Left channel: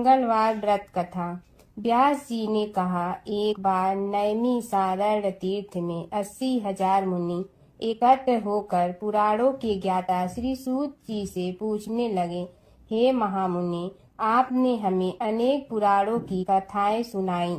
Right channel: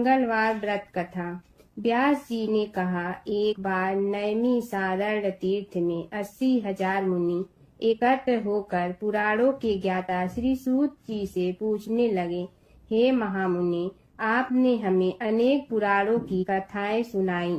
मंगलवार व्रत कथा। व्यास जी ने कहा, एक बार नैमिषारण्य तीर्थ में 80,000 मुनि एकत्र होकर पुराणों के ज्ञाता श्री सूत जी से पूछने लगे, हे महामुनि, आपने हमें अनेक पुराणों की कथाएं सुनाई।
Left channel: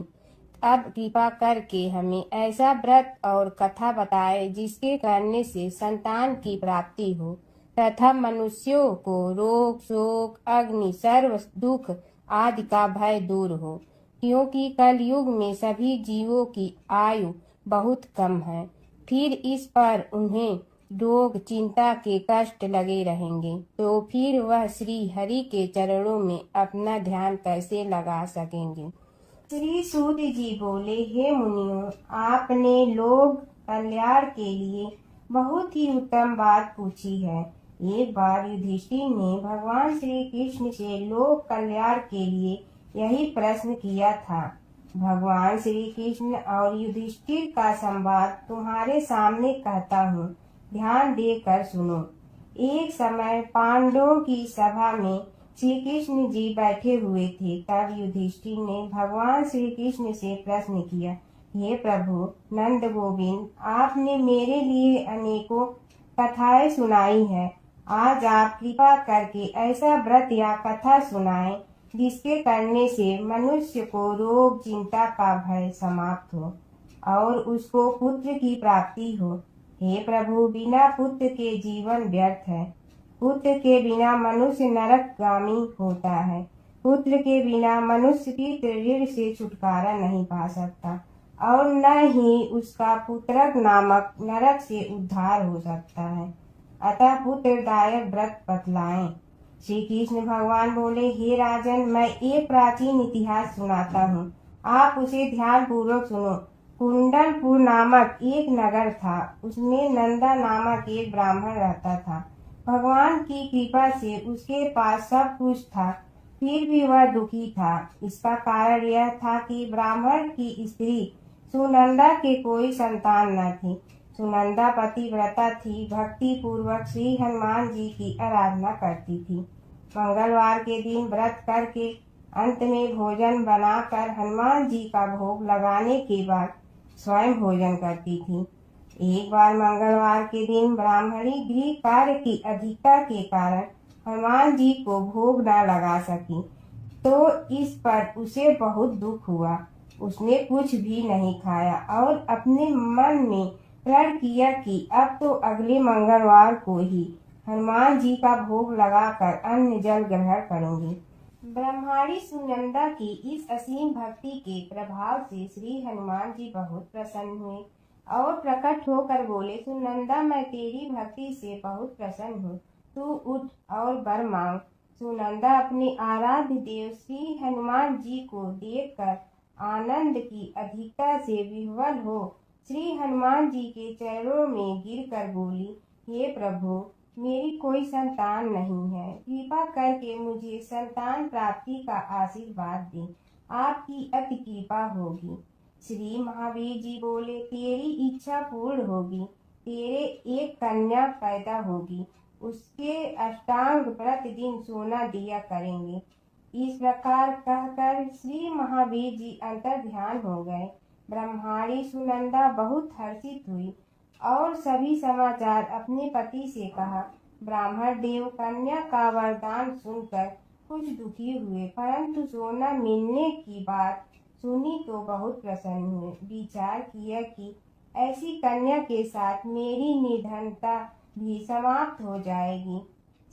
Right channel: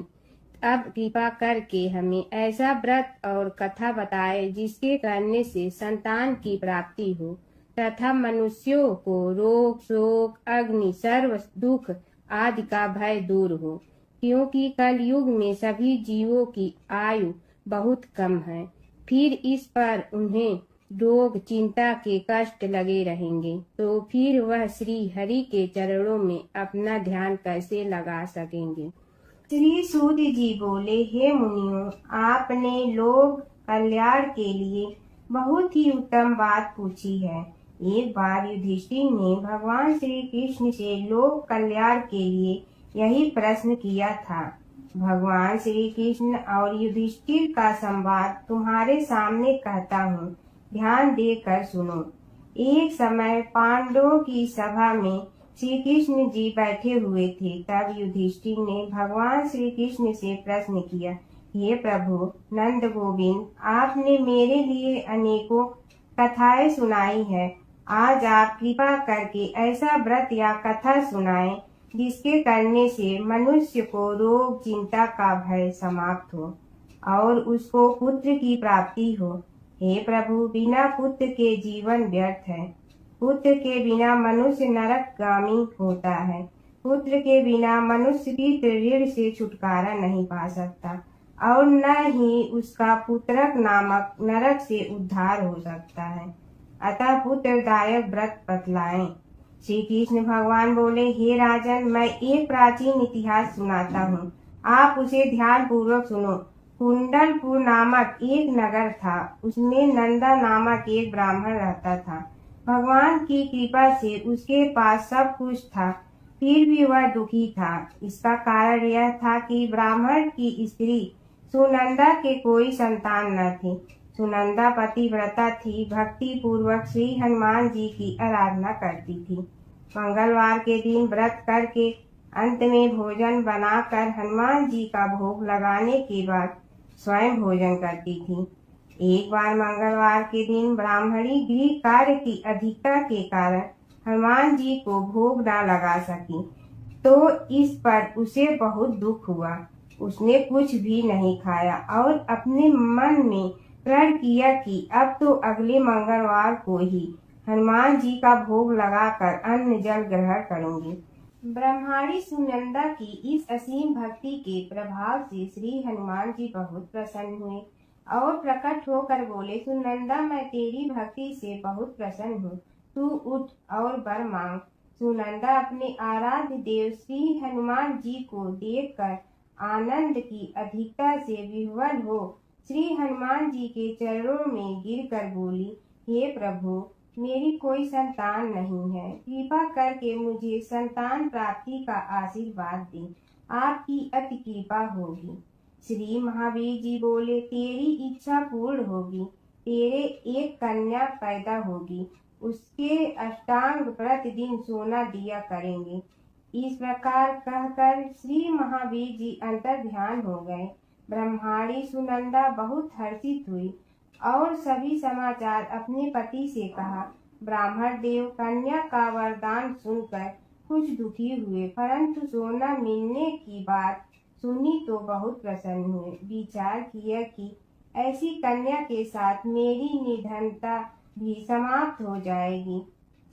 अब कृपा करके हमें ऐसा व्रत और कथा बताए जिसके करने से संतान की प्राप्ति हो तथा मनुष्यों को रोग, शोक, अग्नि, सर्व दुख आदि का भय दूर हो, क्योंकि कलयुग में सभी जीवों की आयु बहुत कम है। फिर इस पर उन्हें रोग, चिंता के कष्ट लगे रहेंगे, तो फिर वह श्री हरि के चरणों में अपना ध्यान कैसे लगा सकेंगे। श्री सूत जी बोले, हे मुनियों, आपने लोक कल्याण के लिए बहुत ही उत्तम बात पूछी है। एक बार युधिष्ठिर ने भगवान श्री कृष्ण से लोक कल्याण के लिए यही प्रश्न किया था। भगवान श्री कृष्ण और युधिष्ठिर का संवाद तुम्हारे सामने कहता हूँ, ध्यान देकर सुनो। एक समय पांडवों की सभा में श्री कृष्ण जी बैठे हुए थे। तब युधिष्ठिर ने भगवान श्री कृष्ण से प्रश्न किया, हे प्रभु नंद गोविंद, आपने मेरे लिए अनेकों कथाएं सुनाई है। आज आप कृपा करके ऐसा व्रत या कथा सुनाएं जिसके करने से मनुष्य को रोग, चिंता का भय समाप्त हो और उसको पुत्र की प्राप्ति हो। हे प्रभु, बिना पुत्र के जीवन व्यर्थ है। पुत्र के बिना मनुष्य नरकगामी होता है। पुत्र के बिना मनुष्य पितृ ऋण से छुटकारा नहीं पा सकता और न ही उसका पुत्रक नामक नरक से उद्धार हो सकता है। अतः पुत्रदायक व्रत बतलाएं। श्री कृष्ण भगवान बोले, हे राजन, मैं एक प्राचीन इतिहास सुनाता हूँ, आप उसे ध्यान पूर्वक सुनो। कुंडलपुर नामक एक नगर था। उसमें नंदा नामक एक ब्राह्मण रहता था। भगवान की कृपा से उसके पास सब कुछ था, फिर भी वह दुखी था। इसका कारण यह था कि ब्राह्मण की स्त्री सुनंदा के कोई संतान न थी। सुनंदा पतिव्रता थी, भक्ति पूर्वक श्री हनुमान जी की आराधना करती थी। मंगलवार के दिन व्रत करके अंत में भोजन बनाकर हनुमान जी का भोग लगाने के बाद स्वयं भोजन करती थी। एक बार मंगलवार के दिन ब्राह्मणी गृह कार्य की अधिकता के कारण हनुमान जी को भोग न लगा सकी, तो इस पर उसे बहुत दुख हुआ। उसने कुछ भी नहीं खाया और अपने मन में प्रण किया कि अब तो अगले मंगलवार को ही हनुमान जी का भोग लगाकर अन्न जल ग्रहण करूंगी। ब्रह्माणी सुनंदा की इस असीम भक्ति के प्रभाव से श्री हनुमान जी बहुत प्रसन्न हुए और प्रकट होकर बोले, सुनंदा, मैं तेरी भक्ति से बहुत प्रसन्न हूँ, तू उठ और वर मांग। सुनंदा अपने आराध्य देव श्री हनुमान जी को देखकर आनंद की अधिकता से विह्वल हो श्री हनुमान जी के चरणों में गिरकर बोली, हे प्रभु, मेरी कोई संतान नहीं है, कृपा करके मुझे संतान प्राप्ति का आशीर्वाद दें, आपकी अति कृपा होगी। श्री महावीर जी बोले, तेरी इच्छा पूर्ण होगी, तेरे एक कन्या पैदा होगी, उसके अष्टांग प्रतिदिन सोना दिया करेंगे। इस प्रकार कहकर श्री महावीर जी अंतर ध्यान हो गए। ब्रह्माणी सुनंदा बहुत हर्षित हुई और सभी समाचार अपने पति से कहा। ब्राह्मण देव कन्या का वरदान सुनकर कुछ दुखी हुए, परंतु सोना मिलने की बात सुनी तो बहुत प्रसन्न हुए। विचार किया कि ऐसी कन्या के साथ मेरी निर्धनता भी समाप्त हो जाएगी।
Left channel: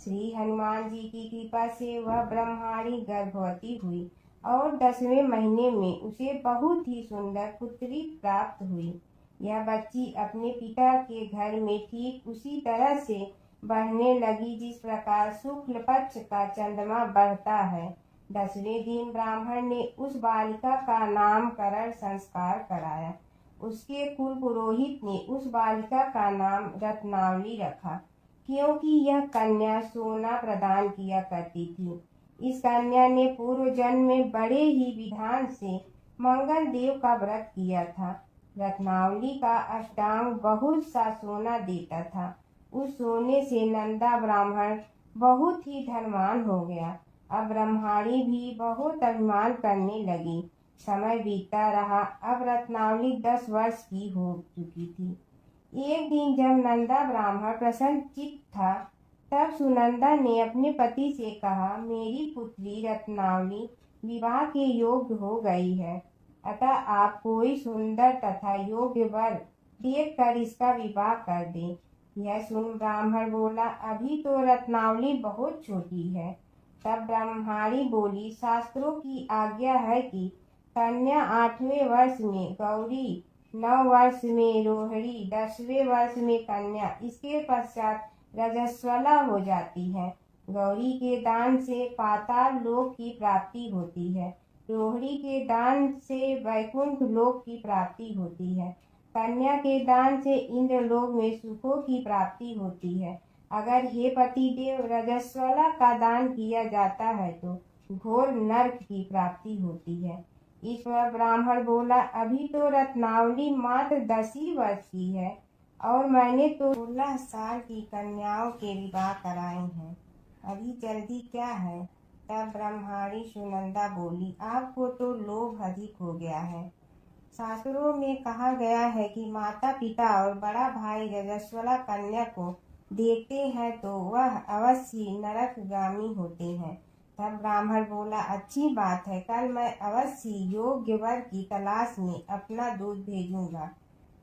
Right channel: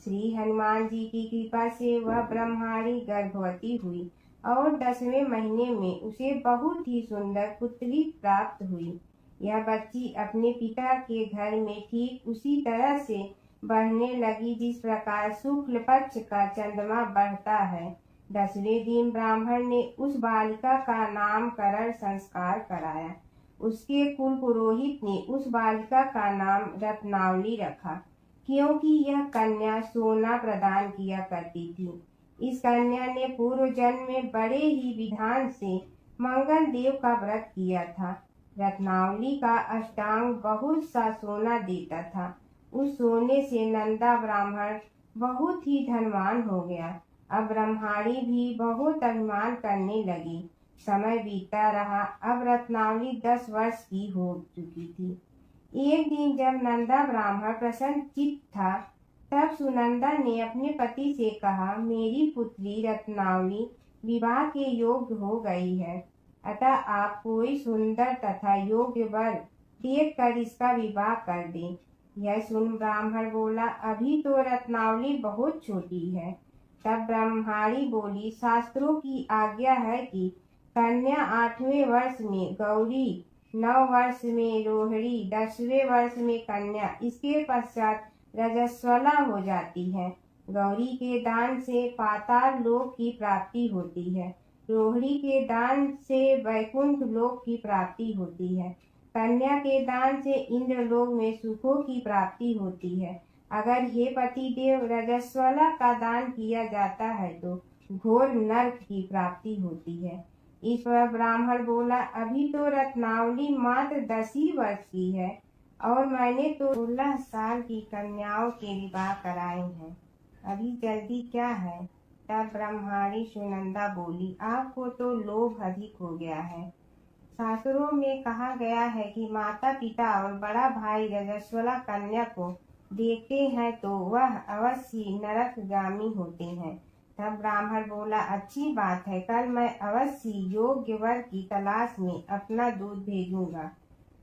श्री हनुमान जी की कृपा से वह ब्रह्माणी गर्भवती हुई और 10वें महीने में उसे बहुत ही सुंदर पुत्री प्राप्त हुई। यह बच्ची अपने पिता के घर में ठीक उसी तरह से बढ़ने लगी जिस प्रकार शुक्ल पक्ष का चंद्रमा बढ़ता है। 10वें दिन ब्राह्मण ने उस बालिका का नामकरण संस्कार कराया। उसके कुल पुरोहित ने उस बालिका का नाम रत्नावली रखा, क्योंकि यह कन्या सोना प्रदान किया करती थी। इस कन्या ने पूर्व जन्म में बड़े ही विधान से मंगल देव का व्रत किया था। रत्नावली का अष्टांग बहुत सा सोना देता था। उस सोने से नंदा ब्राह्मण बहुत ही धनवान हो गया। अब ब्रह्माणी भी बहुत अभिमान करने लगी। समय बीतता रहा। अब रत्नावली 10 वर्ष की हो चुकी थी। एक दिन जब नंदा ब्राह्मण प्रसन्नचित्त था, तब सुनंदा ने अपने पति से कहा, मेरी पुत्री रत्नावली विवाह के योग्य हो गई है, अतः आप कोई सुंदर तथा योग्य वर देखकर इसका विवाह कर दें। यह सुन ब्राह्मण बोला, अभी तो रत्नावली बहुत छोटी है। तब ब्रह्माणी बोली, शास्त्रों की आज्ञा है कि कन्या 8वें वर्ष में गौरी, 9 वर्ष में रोहिणी, 10वें वर्ष में कन्या, इसके पश्चात रजस्वला हो जाती है। गौरी के दान से पाताल लोक की प्राप्ति होती है, रोहिणी के दान से वैकुंठ लोक की प्राप्ति होती है, कन्या के दान से इंद्रलोक में सुखों की प्राप्ति होती है। अगर हे पतिदेव रजस्वला का दान किया जाता है तो घोर नरक की प्राप्ति होती है। इस पर ब्राह्मण बोला, अभी तो रत्नावली मात्र 10 ही वर्ष की है और मैंने तो 16 साल की कन्याओं के विवाह कराए हैं, अभी जल्दी क्या है। तब ब्रह्माणी सुनंदा बोली, आपको तो लोभ अधिक हो गया है। शास्त्रों में कहा गया है कि माता पिता और बड़ा भाई रजस्वला कन्या को देखते हैं तो वह अवश्य नरकगामी होते हैं। तब ब्राह्मण बोला, अच्छी बात है, कल मैं अवश्य योग्य वर की तलाश में अपना दूध भेजूंगा।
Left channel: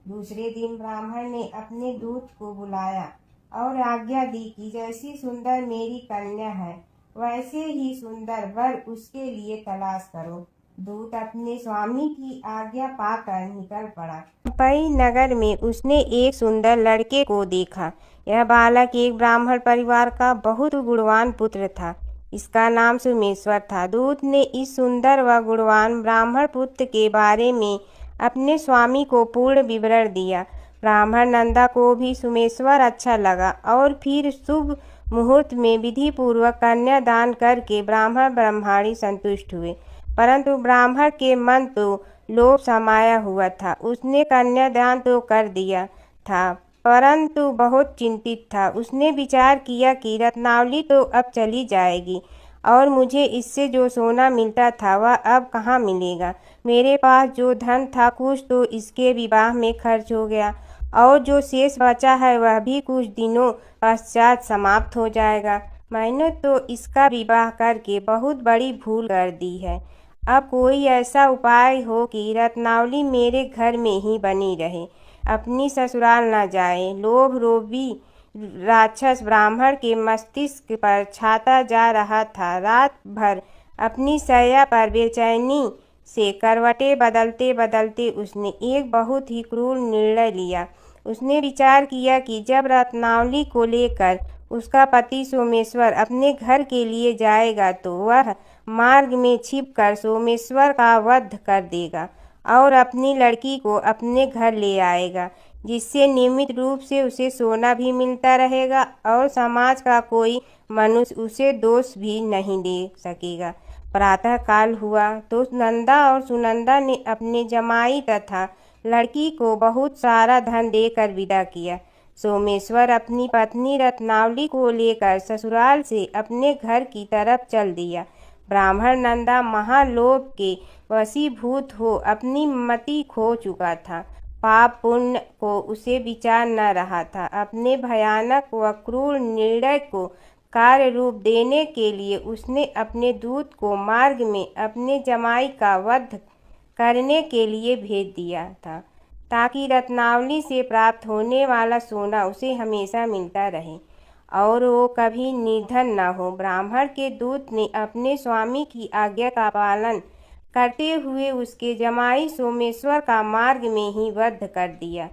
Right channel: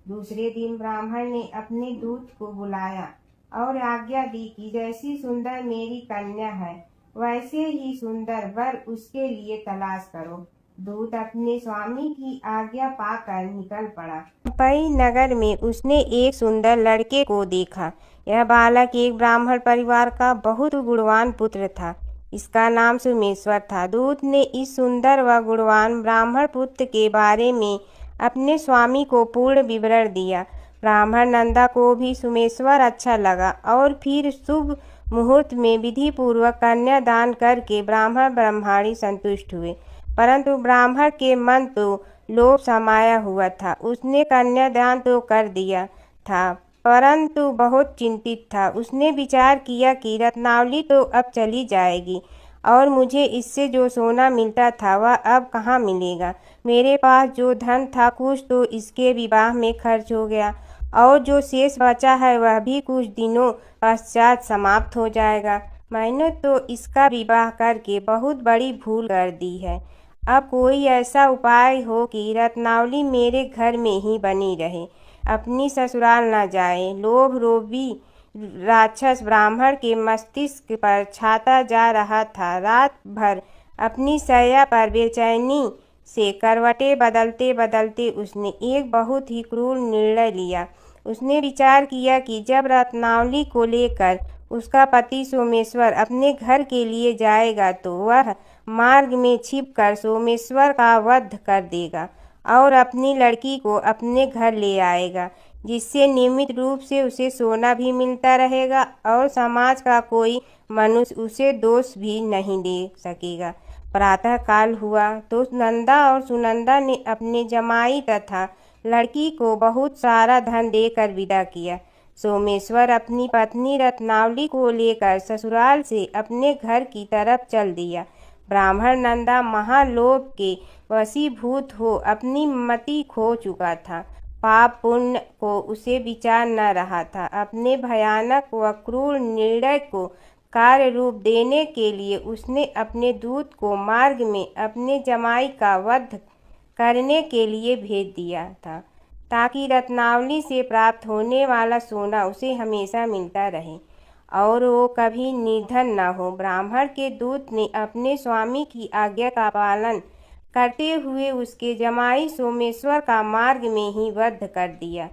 दूसरे दिन ब्राह्मण ने अपने दूत को बुलाया और आज्ञा दी कि जैसी सुंदर मेरी कन्या है वैसे ही सुंदर वर उसके लिए तलाश करो। दूत अपने स्वामी की आज्ञा पाकर निकल पड़ा। पई नगर में उसने एक सुंदर लड़के को देखा। यह बालक एक ब्राह्मण परिवार का बहुत गुणवान पुत्र था। इसका नाम सोमेश्वर था। दूत ने इस सुंदर व गुणवान ब्राह्मण पुत्र के बारे में अपने स्वामी को पूर्ण विवरण दिया। ब्राह्मण नंदा को भी सोमेश्वर अच्छा लगा और फिर शुभ मुहूर्त में विधि पूर्वक कन्यादान करके ब्राह्मण ब्रह्माणी संतुष्ट हुए। परंतु ब्राह्मण के मन तो लोभ समाया हुआ था। उसने कन्यादान तो कर दिया था परंतु बहुत चिंतित था। उसने विचार किया कि रत्नावली तो अब चली जाएगी और मुझे इससे जो सोना मिलता था वह अब कहाँ मिलेगा। मेरे पास जो धन था कुछ तो इसके विवाह में खर्च हो गया और जो शेष बचा है वह भी कुछ दिनों पश्चात समाप्त हो जाएगा। मैंने तो इसका विवाह करके बहुत बड़ी भूल कर दी है। अब कोई ऐसा उपाय हो कि रत्नावली मेरे घर में ही बनी रहे, अपनी ससुराल न जाए। लोभ रोभी राक्षस ब्राह्मण के मस्तिष्क पर छाता जा रहा था। रात भर अपनी शैया पर बेचैनी से करवटें बदलते बदलते उसने एक बहुत ही क्रूर निर्णय लिया। उसने विचार किया कि जब रत्नावली को लेकर उसका पति सोमेश्वर अपने घर के लिए जाएगा तो वह मार्ग में छिपकर सोमेश्वर का वध कर देगा और अपनी लड़की को अपने घर ले आएगा, जिससे नियमित रूप से उसे सोना भी मिलता रहेगा और समाज का कोई मनुष्य उसे दोष भी नहीं दे सकेगा। प्रातः काल हुआ तो नंदा और सुनंदा ने अपने जमाई तथा लड़की को बहुत सारा धन देकर विदा किया। सोमेश्वर अपनी पत्नी रत्नावली को लेकर ससुराल से अपने घर की तरफ चल दिया। ब्राह्मण नंदा महालोभ के वशीभूत हो अपनी मति खो चुका था। पाप पुण्य को उसे विचार न रहा था। अपने भयानक व क्रूर निर्णय को कार्य रूप देने के लिए उसने अपने दूत को मार्ग में अपने जमाई का वध करने के लिए भेज दिया था, ताकि रत्नावली से प्राप्त होने वाला सोना उसे हमेशा मिलता रहे और वो कभी निर्धन न हो। ब्राह्मण के दूत ने अपने स्वामी की आज्ञा का पालन करते हुए उसके जमाई सोमेश्वर का मार्ग में ही वध कर दिया।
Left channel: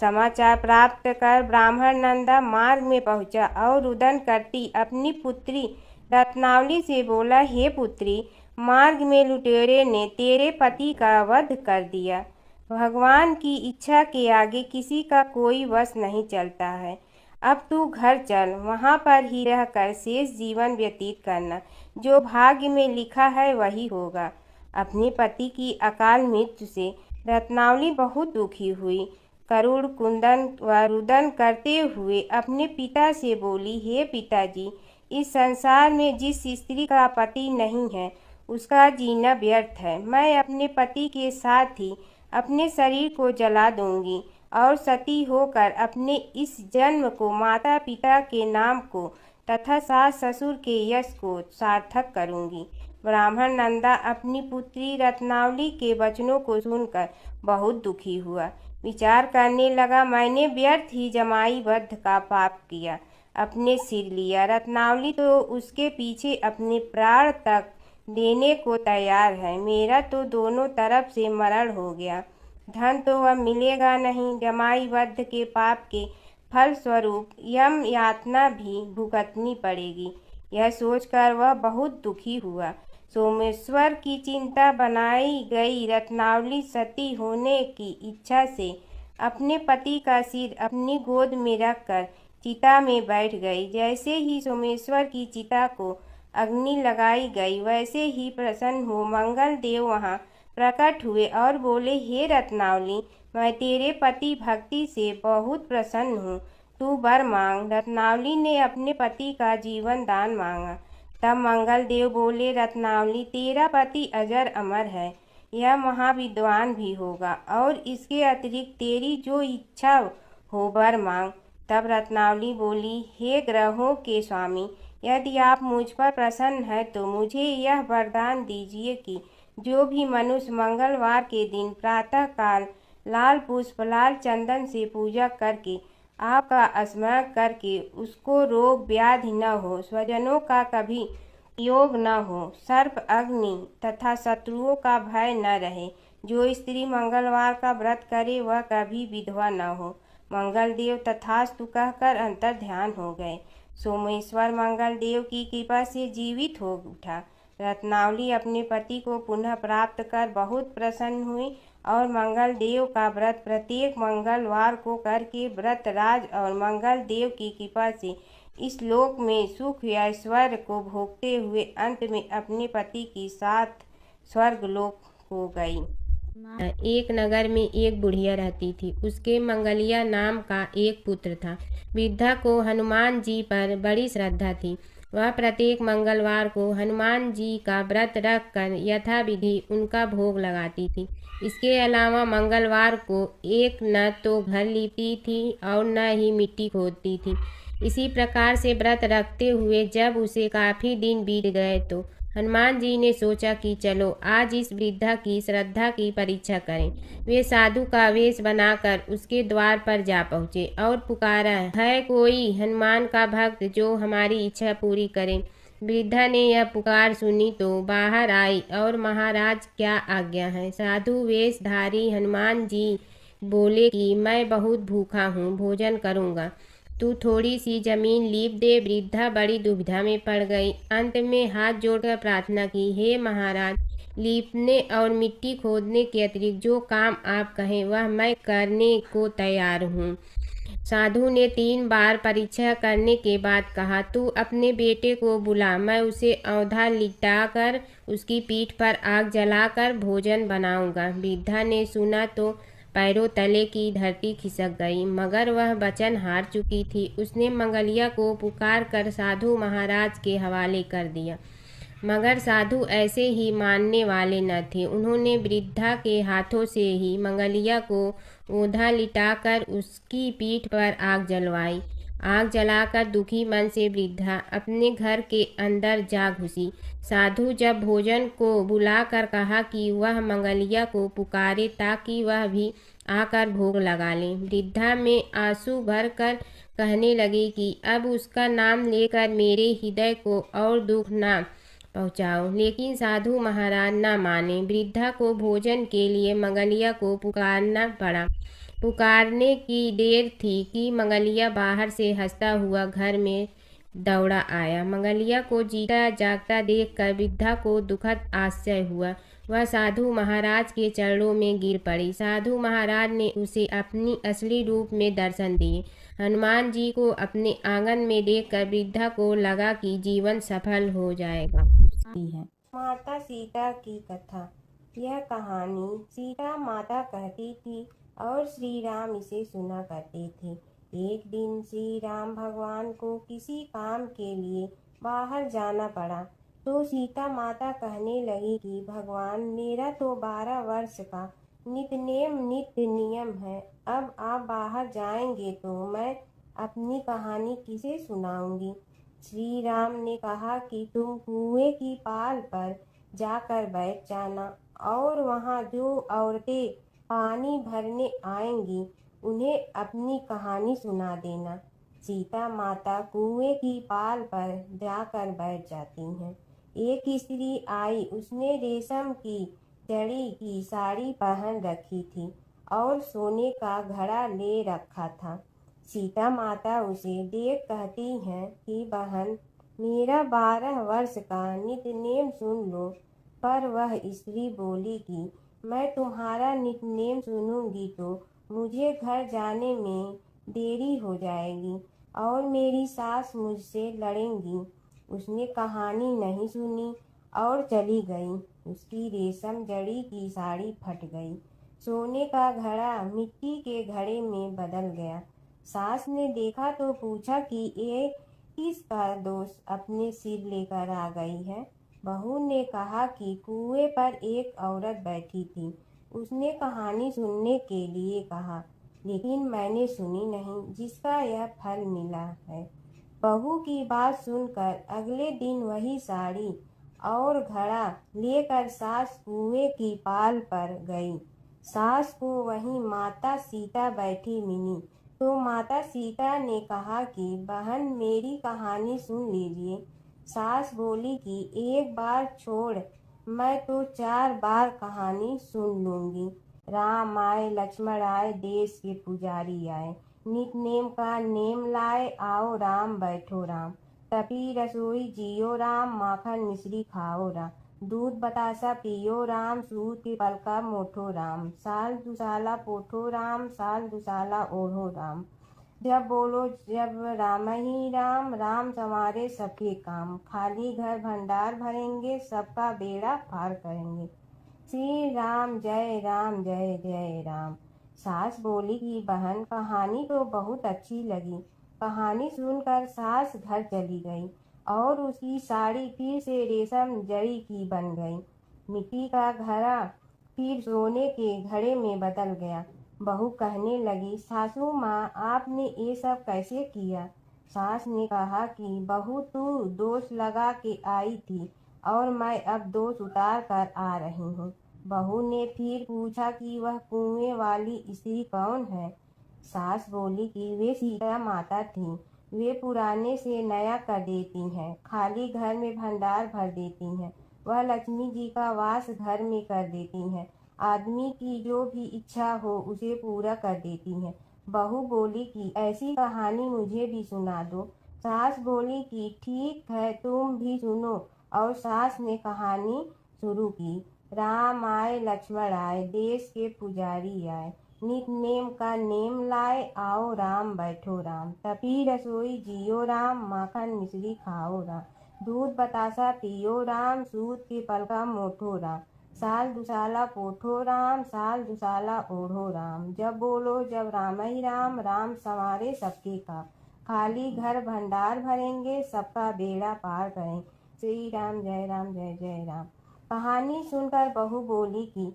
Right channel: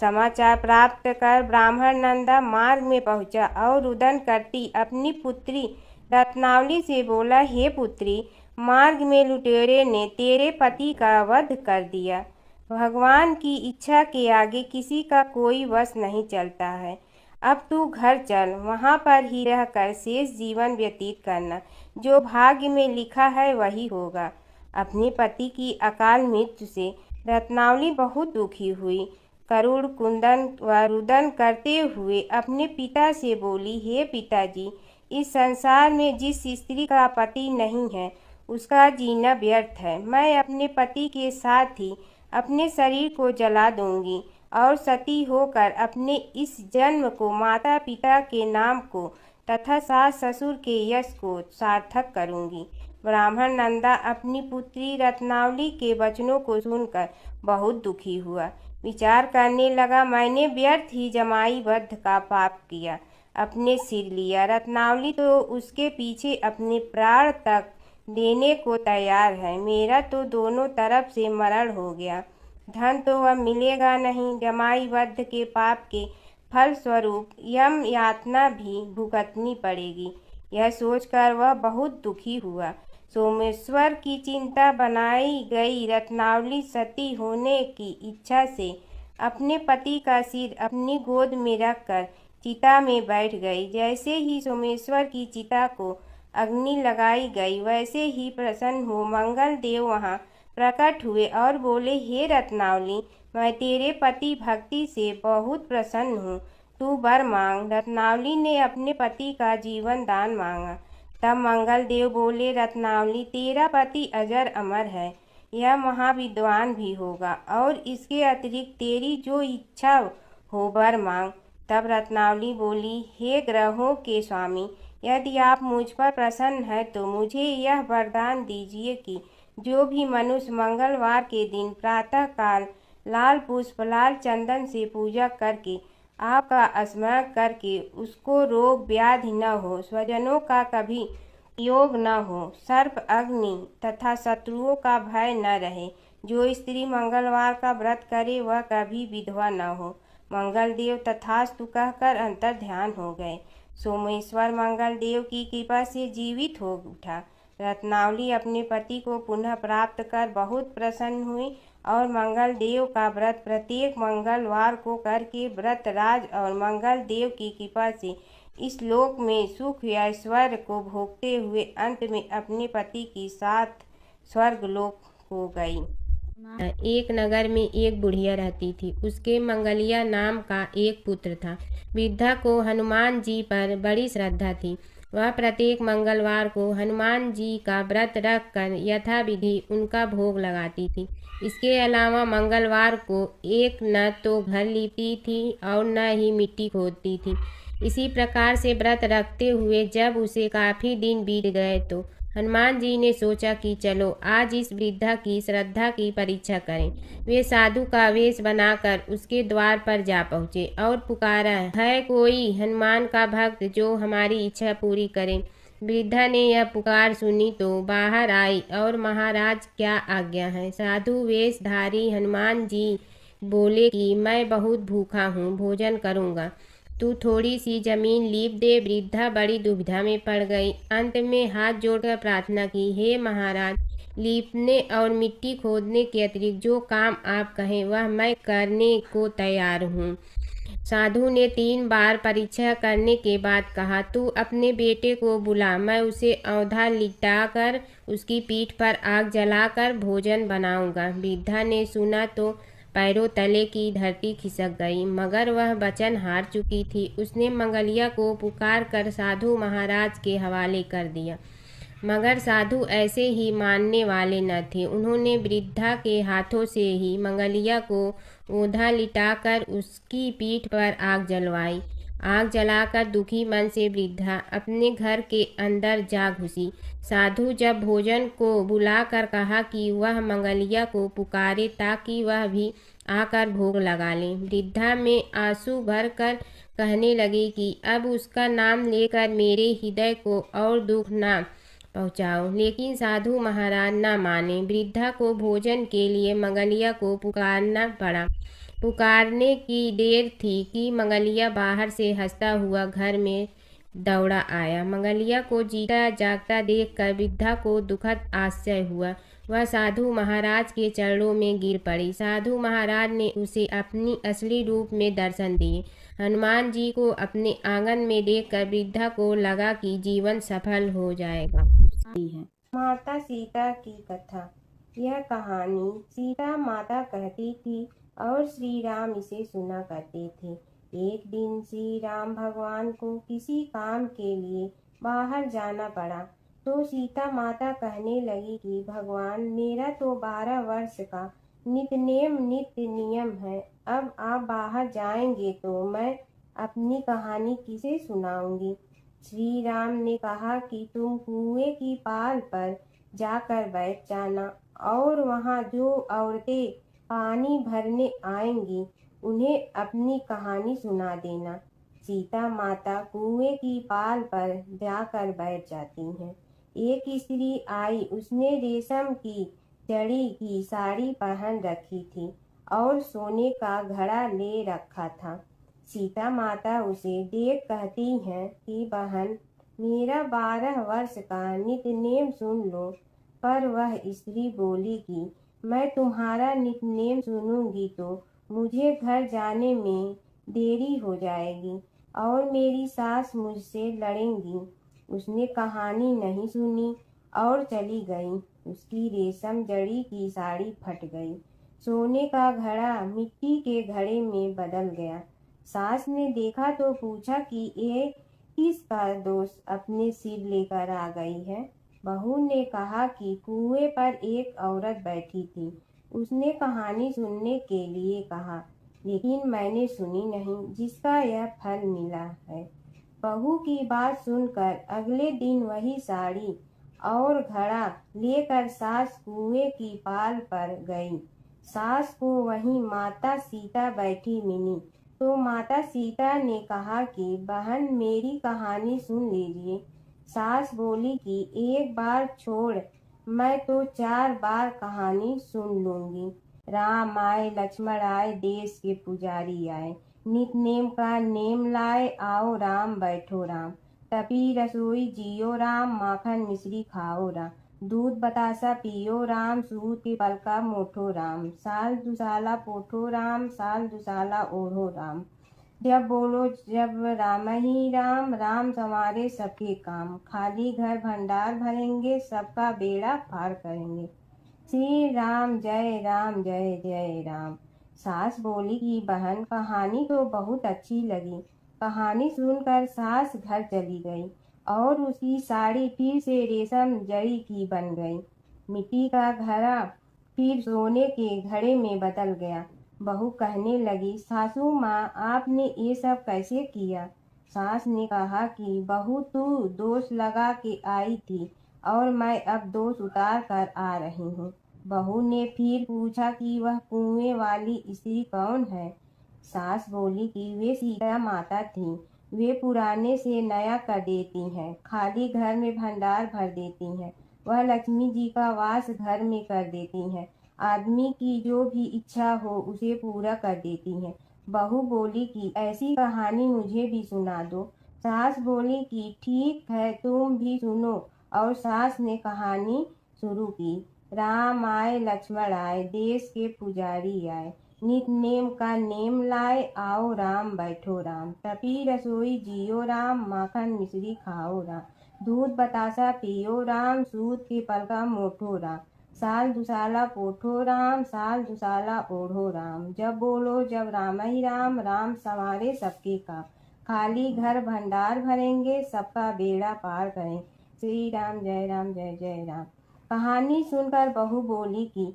समाचार प्राप्त कर ब्राह्मण नंदा मार्ग में पहुंचा और रुदन करती अपनी पुत्री रत्नावली से बोला, हे पुत्री, मार्ग में लुटेरे ने तेरे पति का वध कर दिया। भगवान की इच्छा के आगे किसी का कोई वश नहीं चलता है। अब तू घर चल, वहाँ पर ही रहकर शेष जीवन व्यतीत करना। जो भाग्य में लिखा है वही होगा। अपने पति की अकाल मृत्यु से रत्नावली बहुत दुखी हुई। करुण कुंदन व रुदन करते हुए अपने पिता से बोली, हे पिताजी, इस संसार में जिस स्त्री का पति नहीं है उसका जीना व्यर्थ है। मैं अपने पति के साथ ही अपने शरीर को जला दूंगी और सती होकर अपने इस जन्म को, माता पिता के नाम को तथा सास ससुर के यश को सार्थक करूंगी। ब्राह्मण नंदा अपनी पुत्री रत्नावली के वचनों को सुनकर बहुत दुखी हुआ। विचार करने लगा, मैंने व्यर्थ ही जमाई वध का पाप किया, अपने सिर लिया। रत्नावली तो उसके पीछे अपने प्राण तक देने को तैयार है। मेरा तो दोनों तरफ से मरण हो गया। धन तो अब मिलेगा नहीं। जमाई वध के पाप के फल स्वरूप यम यातना भी भुगतनी पड़ेगी। यह सोचकर वह बहुत दुखी हुआ। सोमेश्वर की चिंता बनाई गई रत्नावली सती होने की इच्छा से अपने पति का सिर अपनी गोद में रखकर चिता में बैठ गई। जैसे ही सोमेश्वर की चिता को अग्नि लगाई गई, वैसे ही प्रसन्न हो मंगल देव वहां प्रकट हुए और बोले, हे रत्नावली, मैं तेरे पति भक्ति से बहुत प्रसन्न हूँ, तू वर मांग। रत्नावली ने अपने पति का जीवन दान मांगा। तब मंगल देव बोले, रत्नावली, तेरा पति अजर अमर है, यह महाविद्वान भी होगा और इसके अतिरिक्त तेरी जो इच्छा हो वर मांग। तब रत्नावली बोली, हे ग्रहों के स्वामी, यदि आप मुझ पर प्रसन्न हैं तो मुझे यह वरदान दीजिए कि जो भी मनुष्य मंगलवार के दिन प्रातः काल लाल पुष्प, लाल चंदन से पूजा करके आपका स्मरण करके उसको रोग व्याधि न हो, स्वजनों का कभी योग न हो, सर्प अग्नि तथा शत्रुओं का भय न रहे। जो स्त्री मंगलवार का व्रत करे वह कभी विधवा न हो। मंगल देव तथास्तु कहकर अंतर ध्यान हो गए। सोमेश्वर मंगल देव की कृपा से जीवित हो उठा। रत्नावली अपने पति को पुनः प्राप्त कर बहुत प्रसन्न हुई और मंगल देव का व्रत प्रत्येक मंगलवार को करके व्रत राज और मंगल देव की कृपा से इस लोक में सुख ऐश्वर्य को भोगते हुए अंत में अपने पति के साथ स्वर्गलोक हो गई। एक नगर में एक बुढ़िया रहती थी। उसके मंगलिया नाम का एक पुत्र था। वृद्धा को हनुमान जी पर बड़ी श्रद्धा थी। वह प्रत्येक मंगलवार को हनुमान जी का व्रत रख कर यथाविधि उनका भोग लगाती थी। इसके अलावा मंगलवार को एक न तो घर लीपती थी और न ही मिट्टी खोदती थी। इसी प्रकार से व्रत रखते हुए जब उसे काफ़ी दिन बीत गए तो हनुमान जी ने सोचा कि चलो आज इस वृद्धा की श्रद्धा की परीक्षा करें। वे साधु का वेश बनाकर उसके द्वार पर जा पहुँचे और पुकारा, है कोई हनुमान का भक्त जो हमारी इच्छा पूरी करे। वृद्धा ने यह पुकार सुनी तो बाहर आई और महाराज क्या आज्ञा है। साधु वेशधारी हनुमान जी बोले कि मैं बहुत भूखा हूँ, भोजन करूँगा, तू थोड़ी सी जमीन लीप दे। वृद्धा बड़ी दुविधा में पड़ गई। अंत में हाथ जोड़कर प्रार्थना की, हे महाराज, लीपने और मिट्टी खोदने के अतिरिक्त जो काम आप कहें वह मैं करने को तैयार हूँ। साधु ने 3 बार परीक्षा करने के बाद कहा, तू अपने बेटे को बुला, मैं उसे औंधा लिटाकर उसकी पीठ पर आग जलाकर भोजन बनाऊंगा। वृद्धा ने सुना तो पैरों तले की धरती खिसक गई, मगर वह वचन हार चुकी थी। उसने मंगलिया को पुकार कर साधु महाराज के हवाले कर दिया, मगर साधु ऐसे ही मानने वाले न थे। उन्होंने वृद्धा के हाथों से ही मंगलिया को औंधा लिटाकर उसकी पीठ पर आग जलवाई। आग जलाकर दुखी मन से वृद्धा अपने घर के अंदर जा घुसी। साधु जब भोजन को बुलाकर कहा कि वह मंगलिया को पुकारे ताकि वह भी आकर भोग लगा ले, वृद्धा में आंसू भरकर कहने लगी कि अब उसका नाम लेकर मेरे हृदय को और दुख ना पहुँचाओ। लेकिन साधु महाराज न माने। वृद्धा को भोजन के लिए मंगलिया को पुकारना पड़ा। पुकारने की देर थी कि मंगलिया बाहर से हंसता हुआ घर में दौड़ा आया। मंगलिया को जीता जागता देखकर वृद्धा को दुखद आश्चर्य हुआ। वह साधु महाराज के चरणों में गिर पड़ी। साधु महाराज ने उसे अपनी असली रूप में दर्शन दिए। हनुमान जी को अपने आंगन में देखकर वृद्धा को लगा कि जीवन सफल हो जाएगा। माता सीता की कथा। यह कहानी सीता माता कहती थी और श्री राम इसे सुना करते थे। एक दिन श्री राम भगवान को किसी काम के लिए बाहर जाना पड़ा। तो सीता माता कहने लगी कि भगवान, मेरा तो 12 वर्ष का नित्य नियम है। अब आप बाहर जाएंगे तो मैं अपनी कहानी किसे सुनाऊंगी। श्री राम ने कहा कि तुम कुएं की पाल पर जाकर बैठ जाना और वहां जो औरतें पानी भरने आएंगी उन्हें अपनी कहानी सुना देना। सीता माता कुएं की पाल पर जाकर बैठ जाती हैं। एक स्त्री आई, उसने रेशम की जड़ी की साड़ी पहन रखी थी और सोने का घड़ा ले रखा था। सीता माता उसे देख कहती हैं कि बहन, मेरा 12 वर्ष का नित्य सुन लो। पर वह स्त्री बोली कि मैं तुम्हारा नित्य सुनूंगी तो मुझे घर जाने में देरी हो जाएगी और मेरी सास मुझसे लड़ेंगी। उसने कहानी नहीं सुनी और चली गई। उसकी रेशम जड़ी की साड़ी फट गई। सोने का घड़ा मिट्टी के घड़े में बदल गया। सास ने देखा तो पूछा कि ये किसका दोष अपने सिर लेकर आ गई है। बहू ने कहा कि कुएं पर एक औरत बैठी थी। उसने कहानी सुनने के लिए कहा, लेकिन मैंने सुनी नहीं, जिसका यह फल मिला है। बहू की बात सुनकर अगले दिन वही साड़ी और घड़ा लेकर सास कुएं की पाल पर गई। सास को वहीं माता सीता बैठी मिली तो माता सीता ने कहा कि बहन, मेरी कहानी सुन लीजिए। सास बोली कि एक बार छोड़, मैं तो 4 बार कहानी सुन लूंगी। राम आए, लक्ष्मण आए, देश के पुजारी आए, नित नेम का नेम लाए, आओ राम बैठो राम। तपी रसोई जियो राम, माखन मिश्री खाओ राम। दूध बतासा पियो राम, सूत के पलका मोठो राम। साल दुसाला पोठो राम, साल दुसाला ओढ़ो राम। जब बोलो जब राम ही राम, राम संवारे सबके काम। खाली घर भंडार भरेंगे, सबका बेड़ा पार करेंगे। श्री राम जय राम जय जय राम। सास बोली कि बहन, कहानी तो बहुत अच्छी लगी। कहानी सुनकर सास घर चली गई और उसकी साड़ी फिर से रेशम जड़ी की बन गई। मिट्टी का घड़ा फिर सोने के घड़े में बदल गया। बहू कहने लगी, सासू माँ, आपने ये सब कैसे किया। सास ने कहा कि बहू, तू दोष लगा के आई थी और मैं अब दोष उतार कर आ रही हूँ। बहू ने फिर पूछा कि वह कुएं वाली स्त्री कौन है। सास बोली कि वे सीता माता थी। वे पुराने से नया कर देती हैं, खाली घर में भंडार भर देती हैं। वह लक्ष्मी जी का वास घर में कर देती हैं। आदमी की जो भी इच्छा हो उसे पूरा कर देती हैं। बहू बोली कि ऐसी कहानी मुझे भी सुना दो। सास बोली कि ठीक है, तुम भी सुनो। और सास ने कहानी शुरू की। राम आए, लक्ष्मण आए, देश के पुजारी आए, नित नेम का नेम लाए, आओ राम बैठो राम। तपी रसोई जियो राम, माखन मिश्री खाओ राम। दूध बतासा पियो राम, सूत के पलका मोठो राम। साल दुसाला पोठो राम, साल दुसाला ओढ़ो राम। जब बोलो जब राम ही राम, राम संवारे सबके काम। खाली घर भंडार भरेंगे, सबका बेड़ा पार करें। श्री राम जय जय राम। कहानी सुनकर बहू बोली कि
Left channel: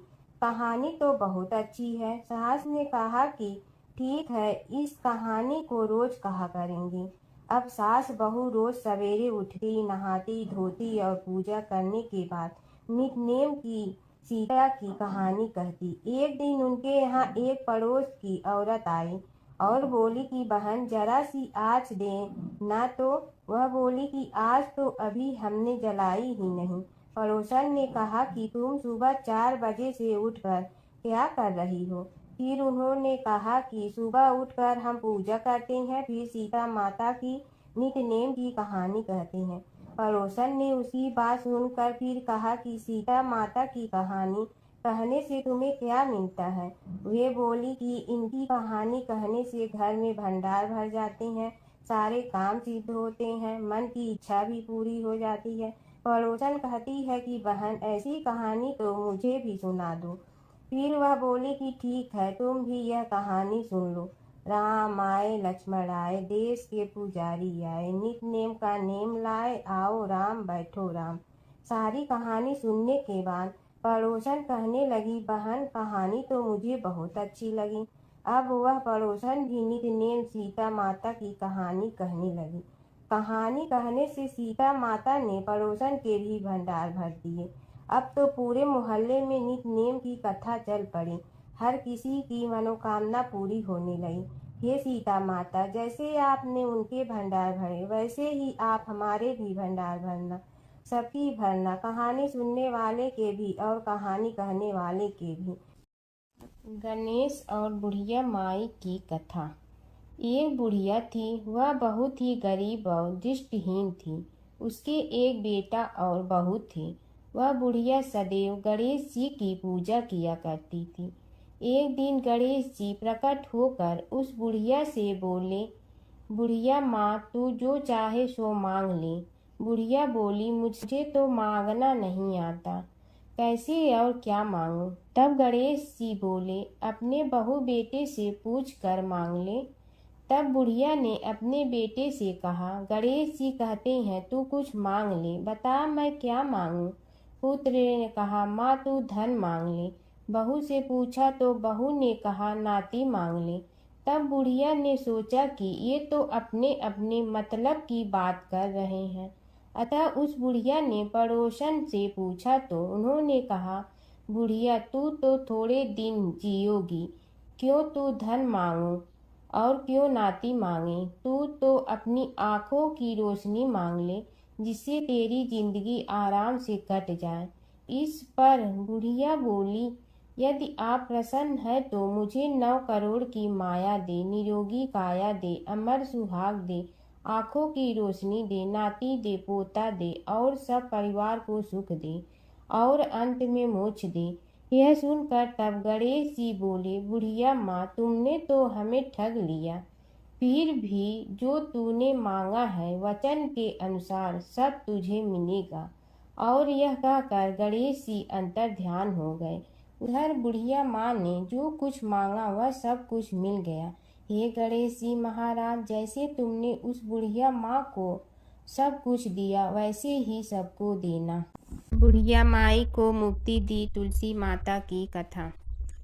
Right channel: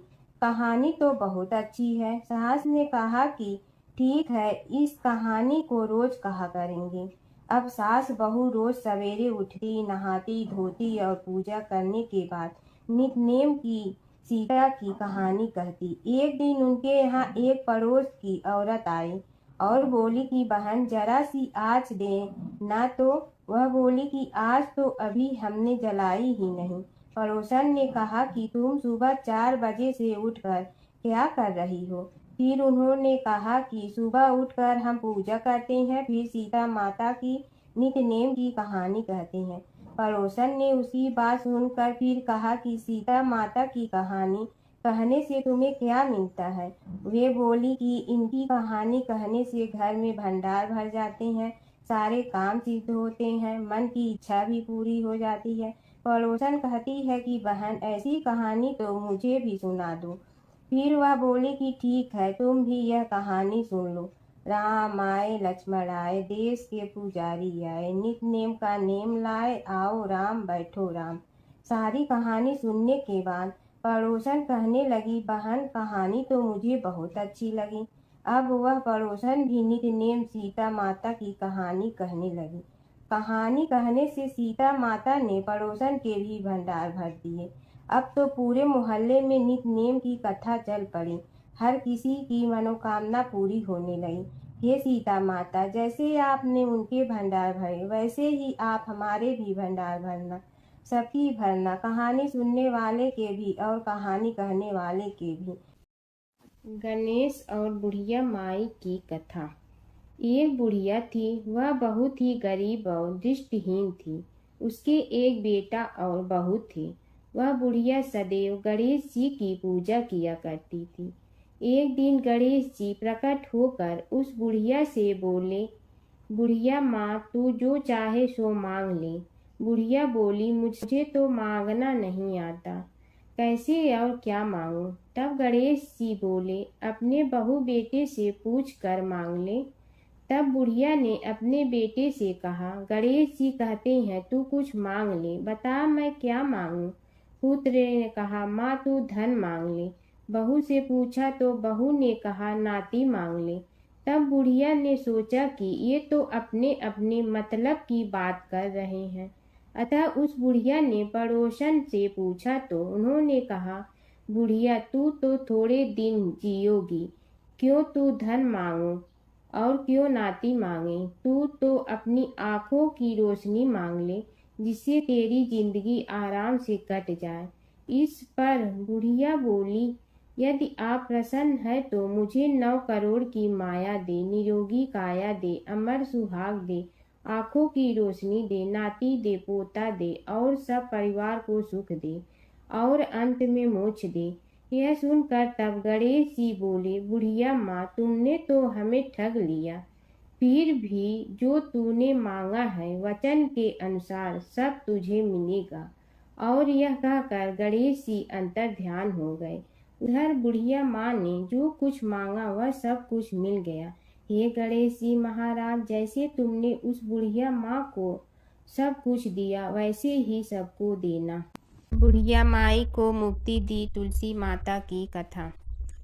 कहानी तो बहुत अच्छी है। सास ने कहा कि ठीक है, इस कहानी को रोज कहा करेंगे। अब सास बहू रोज सवेरे उठती, नहाती धोती और पूजा करने के बाद नित नेम की सीता की कहानी कहती। एक दिन उनके यहाँ एक पड़ोस की औरत आई और बोली कि बहन, जरा सी आँच दे ना। तो वह बोली कि आज तो अभी हमने जलाई ही नहीं। पड़ोसन ने कहा कि तुम सुबह 4 बजे से उठकर क्या कर रही हो। फिर उन्होंने कहा कि सुबह उठकर हम पूजा करते हैं, फिर सीता माता की नित्य नेम की कहानी कहते हैं। पड़ोसन ने उसकी बात सुनकर फिर कहा कि सीता माता की कहानी कहने से तुम्हें क्या मिलता है। वे बोली कि इनकी कहानी कहने से घर में भंडार भर जाते हैं, सारे काम सिद्ध होते हैं, मन की इच्छा भी पूरी हो जाती है। पड़ोसन कहती है कि बहन, ऐसी कहानी तो मुझे भी सुना दो। फिर वह बोली कि ठीक है, तुम भी यह कहानी सुन लो। राम आए लक्ष्मण आए, देश के पुजारी आए, नित नेम का नेम लाए, आओ राम बैठो राम। सारी कहानी सुनने के बाद पड़ोसन कहने लगी, बहन कहानी तो मुझे बहुत अच्छी लगी। अब वह पड़ोसन भी नित नेम सीता माता की कहानी कहने लगी। कहानी कहने से सीता माता ने पड़ोसन के भी भंडार भर दिए। अब तो पूरे मोहल्ले में नित नेम की कथा चल पड़ी। हर किसी की मनोकामना पूरी होने लगी। हे सीता माता, जैसे आपने उनके भंडार भरे, वैसे ही आप हमारे भी भंडार भरना, सबकी भरना, कहानी सुनने वाले के भी और कहानी कहने वाले के भी। गणेश और बुढ़िया माई की कथा। एक बुढ़िया थी, वह बहुत ही गरीब और दृष्टिहीन थी। उसके एक बेटा और बहू थे। वह बुढ़िया सदैव गणेश जी की पूजा किया करती थी। एक दिन गणेश जी प्रकट होकर उस बुढ़िया से बोले, बुढ़िया माँ, तू जो चाहे सो मांग ले। बुढ़िया बोली, मुझे तो मांगना नहीं आता, कैसे और क्या मांगूं? तब गणेश जी बोले, अपने बहू बेटे से पूछ कर मांग ले। तब बुढ़िया ने अपने बेटे से कहा, गणेश जी कहते हैं तू कुछ मांग ले, बता मैं क्या मांगूं? पुत्र ने कहा, माँ तू धन मांग ले। बहू से पूछा तो बहू ने कहा, नाती मांग ले। तब बुढ़िया ने सोचा कि ये तो अपने अपने मतलब की बात कर रहे हैं। अतः उस बुढ़िया ने पड़ोसन से पूछा तो उन्होंने कहा, बुढ़िया तू तो थोड़े दिन जियोगी, क्यों तू धन मांगो और क्यों नाती मांगे? तू तो अपनी आँखों की रोशनी मांग ले, जिससे तेरी जिंदगी आराम से कट जाए। इस पर बुढ़िया बोली, यदि आप प्रसन्न है तो मुझे 9 करोड़ की माया दे, निरोगी काया दे, अमर सुहाग दे, आँखों की रोशनी दे, नाती दे, पोता दे और सब परिवार को सुख दे और अंत में मोक्ष दे। यह सुनकर तब गणेश जी बोले, बुढ़िया माँ, तुमने तो हमें ठग लिया। फिर भी जो तूने मांगा है वचन के अनुसार सब तुझे मिलेगा। और यह कहकर गणेश जी अंतर ध्यान हो गए। उधर बुढ़िया माँ ने जो कुछ मांगा वह सब कुछ मिल गया। हे गणेश जी महाराज, जैसे तुमने उस बुढ़िया माँ को सब कुछ दिया वैसे ही सबको देना। बुढ़िया माई को मुक्ति दी तुलसी माता की कथा।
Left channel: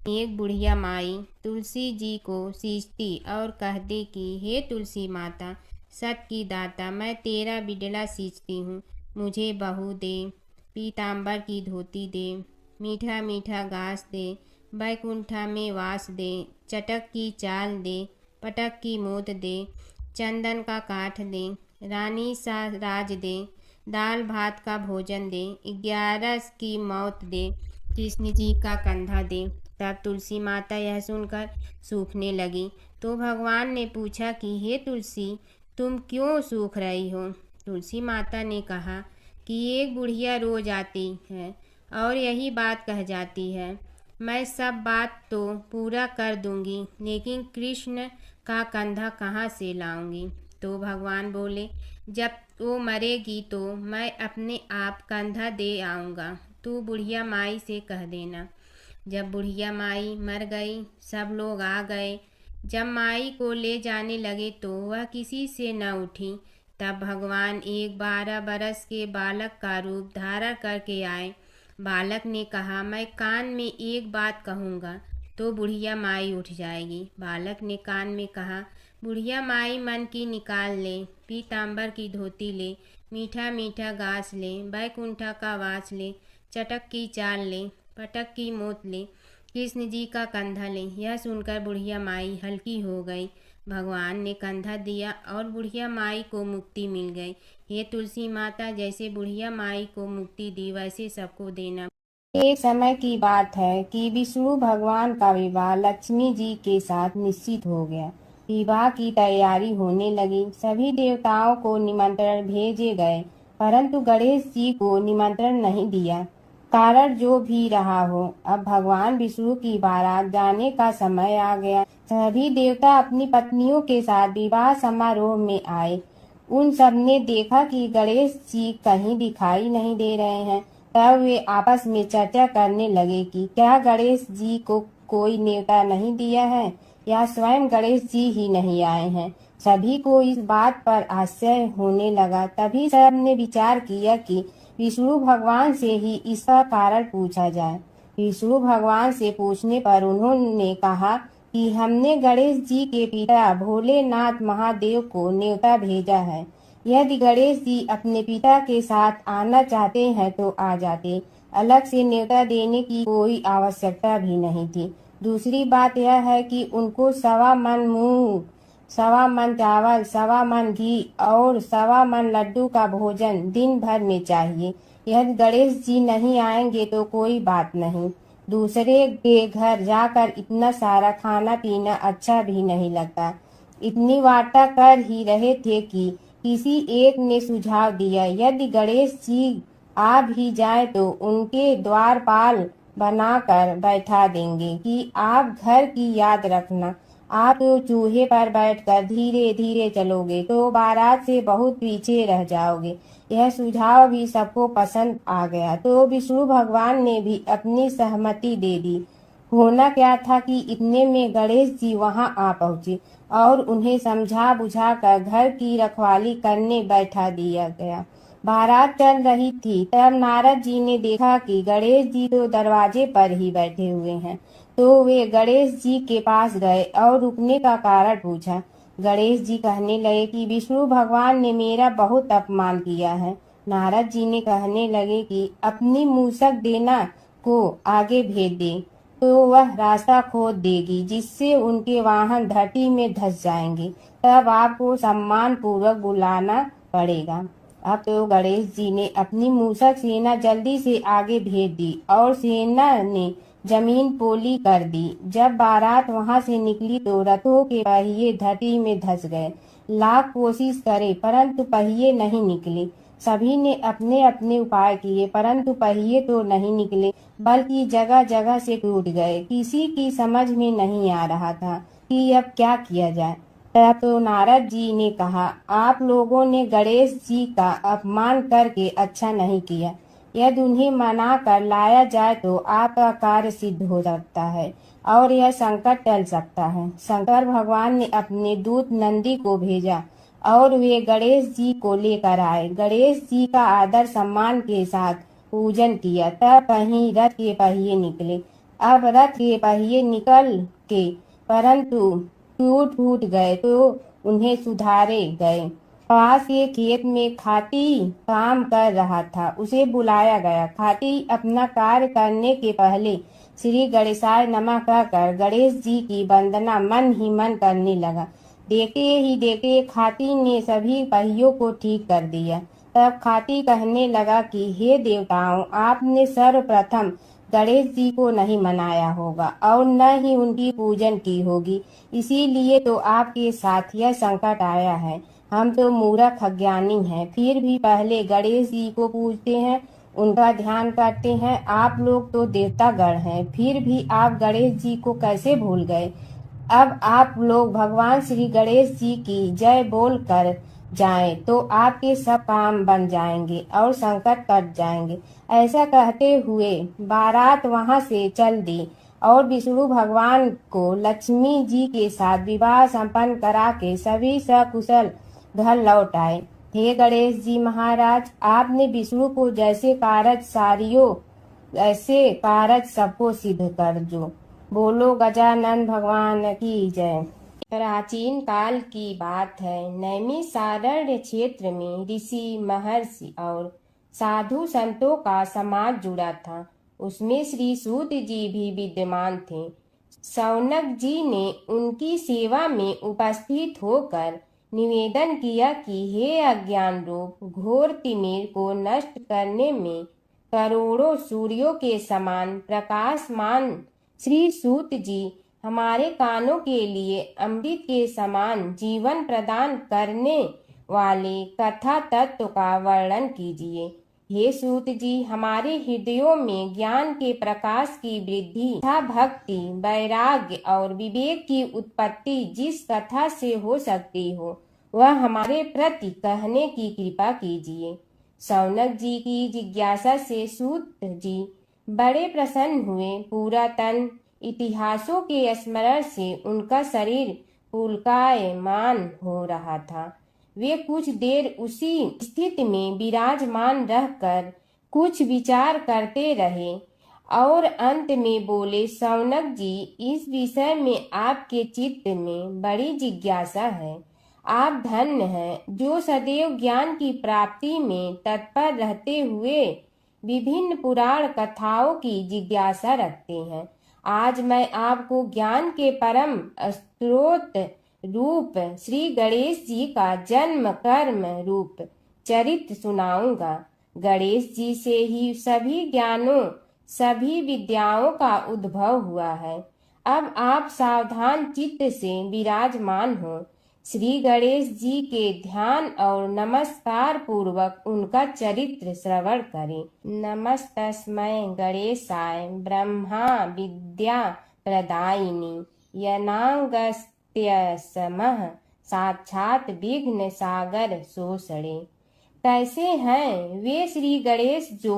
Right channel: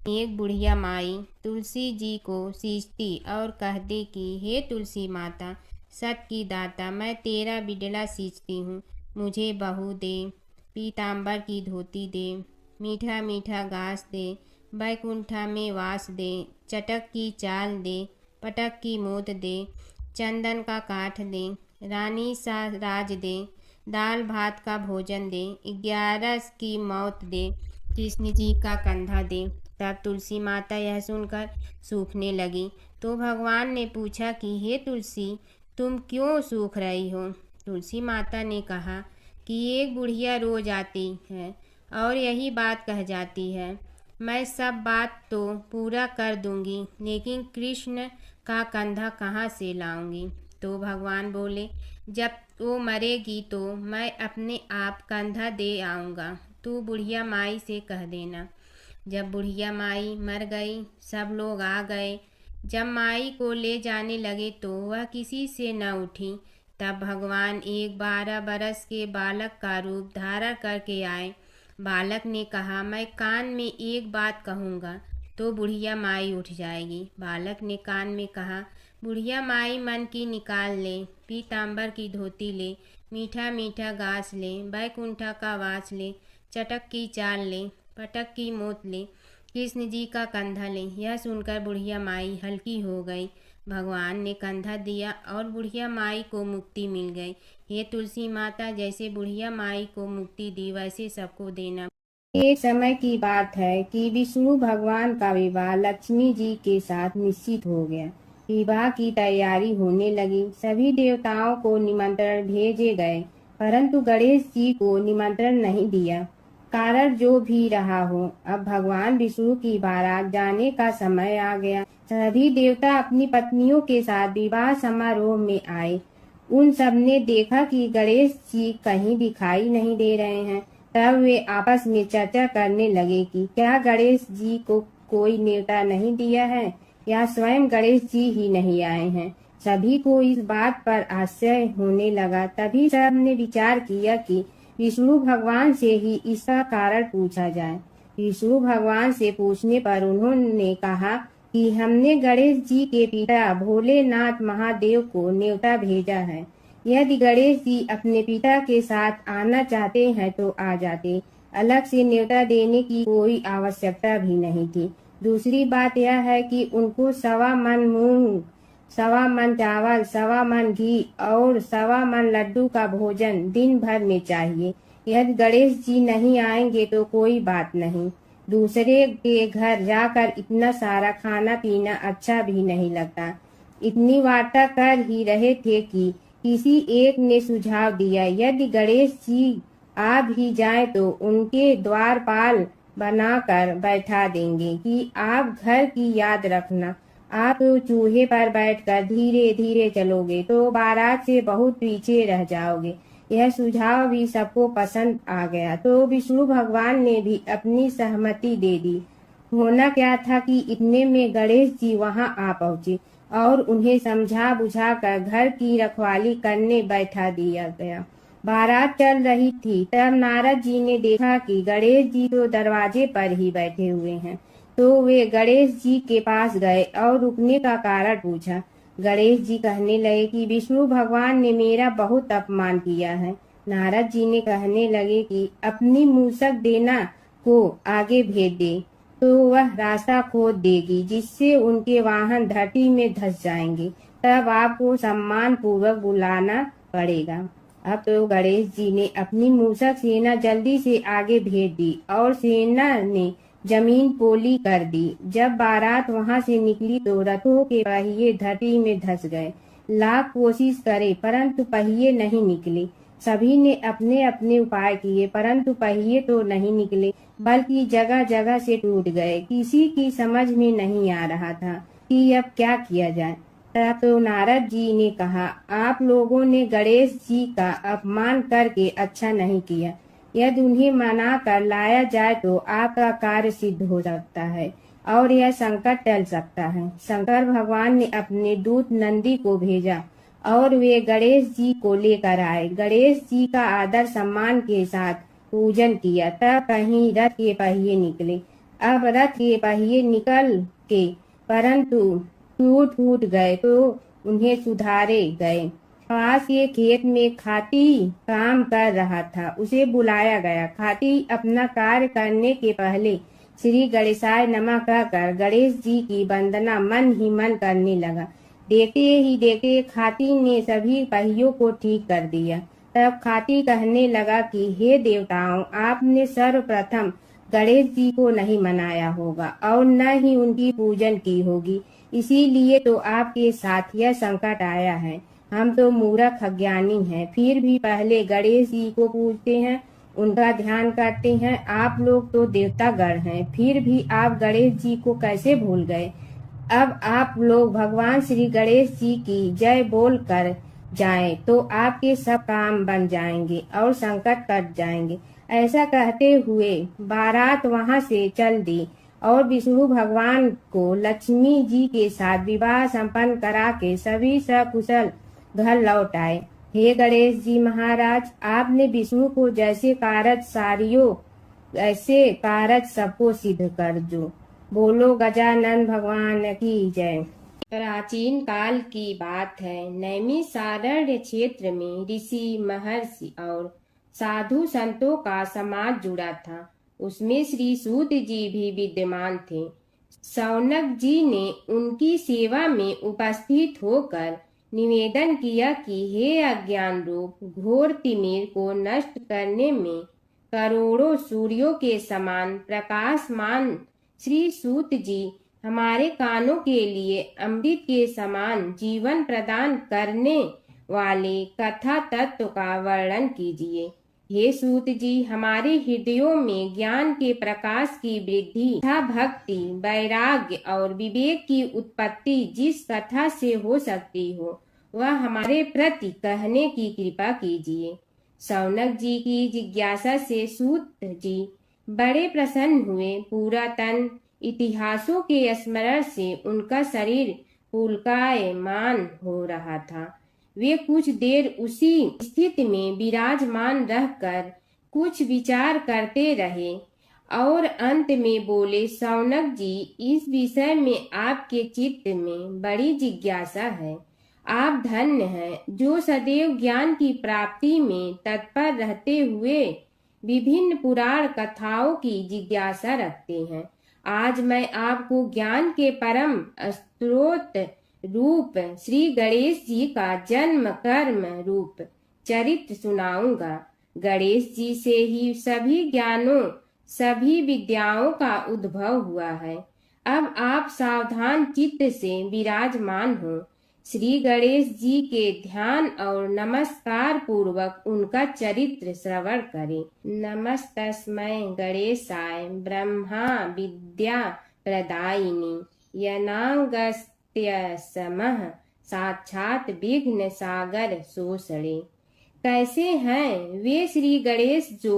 एक बुढ़िया माई तुलसी जी को सींचती और कहती कि हे तुलसी माता, सत की दाता, मैं तेरा बिडला सींचती हूँ, मुझे बहू दे, पीताम्बर की धोती दे, मीठा मीठा घास दे, बैकुंठा में वास दे, चटक की चाल दे, पटक की मोत दे, चंदन का काठ दे, रानी सा राज दे, दाल भात का भोजन दे, 11 की मौत दे, कृष्ण जी का कंधा दे। तब तुलसी माता यह सुनकर सूखने लगी। तो भगवान ने पूछा कि हे तुलसी, तुम क्यों सूख रही हो? तुलसी माता ने कहा कि एक बुढ़िया रोज आती है और यही बात कह जाती है, मैं सब बात तो पूरा कर दूंगी, लेकिन कृष्ण का कंधा कहाँ से लाऊंगी? तो भगवान बोले, जब वो मरेगी तो मैं अपने आप कंधा दे आऊँगा, तू बुढ़िया माई से कह देना। जब बुढ़िया माई मर गई, सब लोग आ गए। जब माई को ले जाने लगे तो वह किसी से न उठी। तब भगवान एक 12 बरस के बालक का रूप धारण करके आए। बालक ने कहा, मैं कान में एक बात कहूँगा तो बुढ़िया माई उठ जाएगी। बालक ने कान में कहा, बुढ़िया माई मन की निकाल ले, पीताम्बर की धोती ले, मीठा मीठा घास ले, बैकुंठा का वास ले, चटक की चाल ले, पटक की मोत ले, कृष्ण जी का कंधा ले। यह सुनकर बुढ़िया माई हल्की हो गई। भगवान ने कंधा दिया और बुढ़िया माई को मुक्ति मिल गई। ये तुलसी माता, जैसे बुढ़िया माई को मुक्ति दी वैसे सबको देना। एक समय की बात है कि विष्णु भगवान का विवाह लक्ष्मी जी के साथ निश्चित हो गया। विवाह की तैयारी होने लगी। सभी देवताओं को निमंत्रण भेजे गए, परंतु गणेश जी को निमंत्रण नहीं दिया। कारण जो भी रहा हो, अब भगवान विष्णु की बारात जाने का समय आ गया। सभी देवता अपनी पत्नियों के साथ विवाह समारोह में आए। उन सब ने देखा कि गणेश जी कहीं दिखाई नहीं दे रहे हैं। तब वे आपस में चर्चा करने लगे कि क्या गणेश जी को कोई न्योता नहीं दिया है। या स्वयं गणेश जी ही नहीं आए हैं। सभी को इस बात पर आश्चर्य होने लगा। तभी सबने विचार किया कि विष्णु भगवान से ही इसका कारण पूछा जाए। विष्णु भगवान से पूछने पर उन्होंने कहा कि हमने गणेश जी के पिता भोलेनाथ महादेव को न्योता भेजा है। यदि गणेश जी अपने पिता के साथ आना चाहते हैं तो आ जाते, अलग से न्योता देने की कोई आवश्यकता भी नहीं थी। दूसरी बात यह है कि उनको 1.25 मन मूंग, 1.25 मन चावल, 1.25 मन घी और 1.25 मन लड्डू का भोजन दिन भर में चाहिए। यदि गणेश जी नहीं आएंगे तो कोई बात नहीं, दूसरे के घर जाकर इतना सारा खाना पीना अच्छा भी नहीं लगता। इतनी वार्ता कर ही रहे थे कि किसी एक ने सुझाव दिया, यदि गणेश जी आ भी जाए तो उनके द्वारपाल बनाकर बैठा देंगे कि आप घर की याद रखना। आप तो चूहे पर बैठकर धीरे धीरे चलोगे तो बारात से बहुत पीछे रह जाओगे। यह सुझाव भी सबको पसंद आ गया तो विष्णु भगवान ने भी अपनी सहमति दे दी। होना क्या था कि इतने में गणेश जी वहां आ पहुंचे और उन्हें समझा बुझाकर घर की रखवाली करने बैठा दिया गया। बारात चल रही थी, तब नारद जी ने देखा कि गणेश जी तो दरवाजे पर ही बैठे हुए हैं, तो वे गणेश जी के पास गए और रुकने का कारण पूछा। गणेश जी कहने लगे कि विष्णु भगवान ने मेरा बहुत अपमान किया है। नारद जी ने कहने लगे कि अपनी मूसक देना को आगे भेज दे तो वह रास्ता खोद देगी, जिससे उनके वाहन धरती में धंस जाएंगे। तब आपको सम्मान पूर्वक बुलाना पड़ेगा। अब तो गणेश जी ने अपनी मूसक सेना जल्दी से आगे भेज दी और सेना ने जमीन पोली कर दी। जब बारात वहां से निकली तो रथों के पहिए धरती में धंस गए। लाख कोशिश करे परंतु पहिए नहीं निकले। सभी ने अपने अपने उपाय किए परंतु पहिए तो नहीं निकले, बल्कि जगह जगह से टूट गए। किसी की समझ में नहीं आ रहा था कि अब क्या किया जाए। तब तो नारद जी ने कहा, आप लोगों ने गणेश जी का अपमान करके अच्छा नहीं किया। यदि उन्हें मना कर लाया जाए तो आपका कार्य सिद्ध हो सकता है और यह संकट टल सकता है। शंकर भगवान ने अपने दूत नंदी को भेजा और वे गणेश जी को लेकर आए। गणेश जी का आदर सम्मान के साथ पूजन किया। तब कहीं रथ के पहिए निकले। अब रथ के पहिए निकल के परंतु टूट गए तो उन्हें सुधारे गए। पास के खेत में खाती काम कर रहा था, उसे बुलाया गया। खाती अपना कार्य करने के पहले श्री गणेशाय नमः कहकर गणेश जी की वंदना मन ही मन करने लगा। देखते ही देखते खाती ने सभी पहियों को ठीक कर दिया। तब खाती कहने लगा कि हे देवताओं, आपने सर्वप्रथम गणेश जी को नहीं मनाया होगा और न ही उनकी पूजन की होगी, इसीलिए तो आपके साथ यह संकट आया है। हम तो मूर्ख अज्ञानी हैं, फिर भी पहले गणेश जी को पूजते हैं, उनका ध्यान करते हैं। आप लोग तो देवतागण हैं, फिर भी आप गणेश जी को कैसे भूल गए। अब आप लोग भगवान श्री गणेश जी की जय बोल कर जाएं तो आपके सब काम बन जाएंगे और संकट कट जाएंगे। ऐसा कहते हुए बारात वहां से चल दी और विष्णु भगवान को लक्ष्मी जी के साथ विवाह संपन्न करा के सभी सकुशल घर लौट आए। हे गणेश जी महाराज, आपने विष्णु को जैसे कारज सारियो ऐसे कारज सबको सिद्ध कर जो। बोलो गजानन भगवान की जय। प्राचीन काल की बात है। नैमिषारण्य क्षेत्र में ऋषि, महर्षि और साधु संतों का समाज जुड़ा था। उसमें श्री सूत जी भी विद्यमान थे। शौनक जी ने उनकी सेवा में उपस्थित होकर निवेदन किया कि हे अज्ञान रूप घोर तिमिर को नष्ट करने में करोड़ों सूर्यों के समान प्रकाशमान श्री सूत जी, हमारे कानों के लिए अमृत के समान जीवन प्रदान करने वाले कथा तत्व का वर्णन कीजिए। हे सूत जी, हमारे हृदयों में ज्ञान के प्रकाश की वृद्धि तथा भक्ति, वैराग्य और विवेक की उत्पत्ति जिस कथा से हो सकती हो, वह हमारे प्रति कहने की कृपा कीजिए। शौनक जी की जिज्ञासा से सूत जी बड़े प्रसन्न हुए। पूरा तन इतिहासों के स्मरण से उनका शरीर पुलकायमान हो रहा था। वे कुछ देर उसी स्थिति में विराजमान रहकर कुछ विचार करते रहे और अंत में बोले, शौनक जी, इस विषय में आपके चित्त में बड़ी जिज्ञासा है। आप धन्य हैं जो सदैव ज्ञान की प्राप्ति में तत्पर रहते हुए विभिन्न पुराण कथाओं की जिज्ञासा रखते हैं। आज मैं आपको ज्ञान के परम स्रोत रूप श्री गणेश जी का जन्म कर्म रूप चरित्र सुनाऊंगा। गणेश जी से ही सभी ज्ञानों सभी विद्याओं का उद्भव हुआ है। अब आप सावधान चित्त से विराजमान हो। श्री गणेश जी के ध्यान और नमस्कार पूर्वक उनका चरित्र श्रवण करें। नमस्तस्मै गणेशाय ब्रह्मा विद्या प्रदायिनी यनागस्त्यसमः साक्षात विघ्न सागर सोसड़े। कैसे हैं वे श्री गणेश जो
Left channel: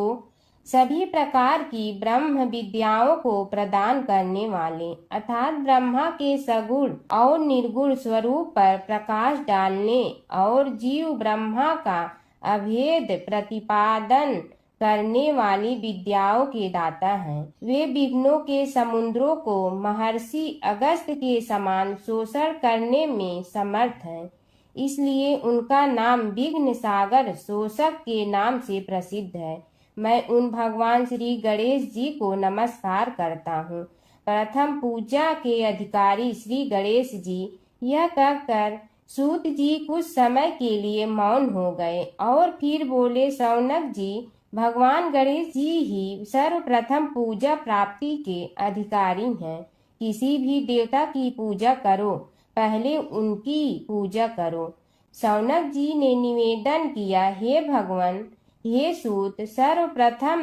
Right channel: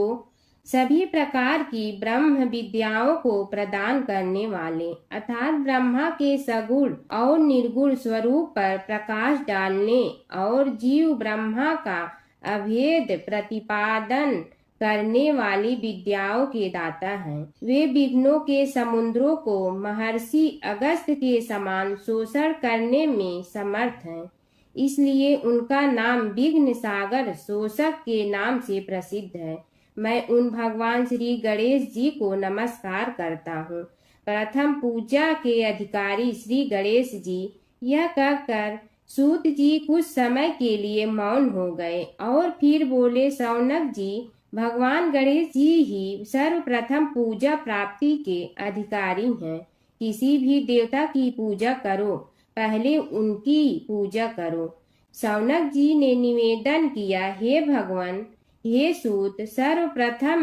सभी प्रकार की ब्रह्म विद्याओं को प्रदान करने वाले अर्थात ब्रह्मा के सगुण और निर्गुण स्वरूप पर प्रकाश डालने और जीव ब्रह्मा का अभेद प्रतिपादन करने वाली विद्याओं के दाता हैं। वे विघ्नों के समुद्रों को महर्षि अगस्त्य के समान शोषण करने में समर्थ हैं। इसलिए उनका नाम विघ्न सागर शोषक के नाम से प्रसिद्ध है। मैं उन भगवान श्री गणेश जी को नमस्कार करता हूँ। प्रथम पूजा के अधिकारी श्री गणेश जी, यह कहकर सूत जी कुछ समय के लिए मौन हो गए और फिर बोले, शौनक जी, भगवान गणेश जी ही सर्वप्रथम पूजा प्राप्ति के अधिकारी हैं। किसी भी देवता की पूजा करो, पहले उनकी पूजा करो। शौनक जी ने निवेदन किया, हे भगवान, हे सूत, सर्वप्रथम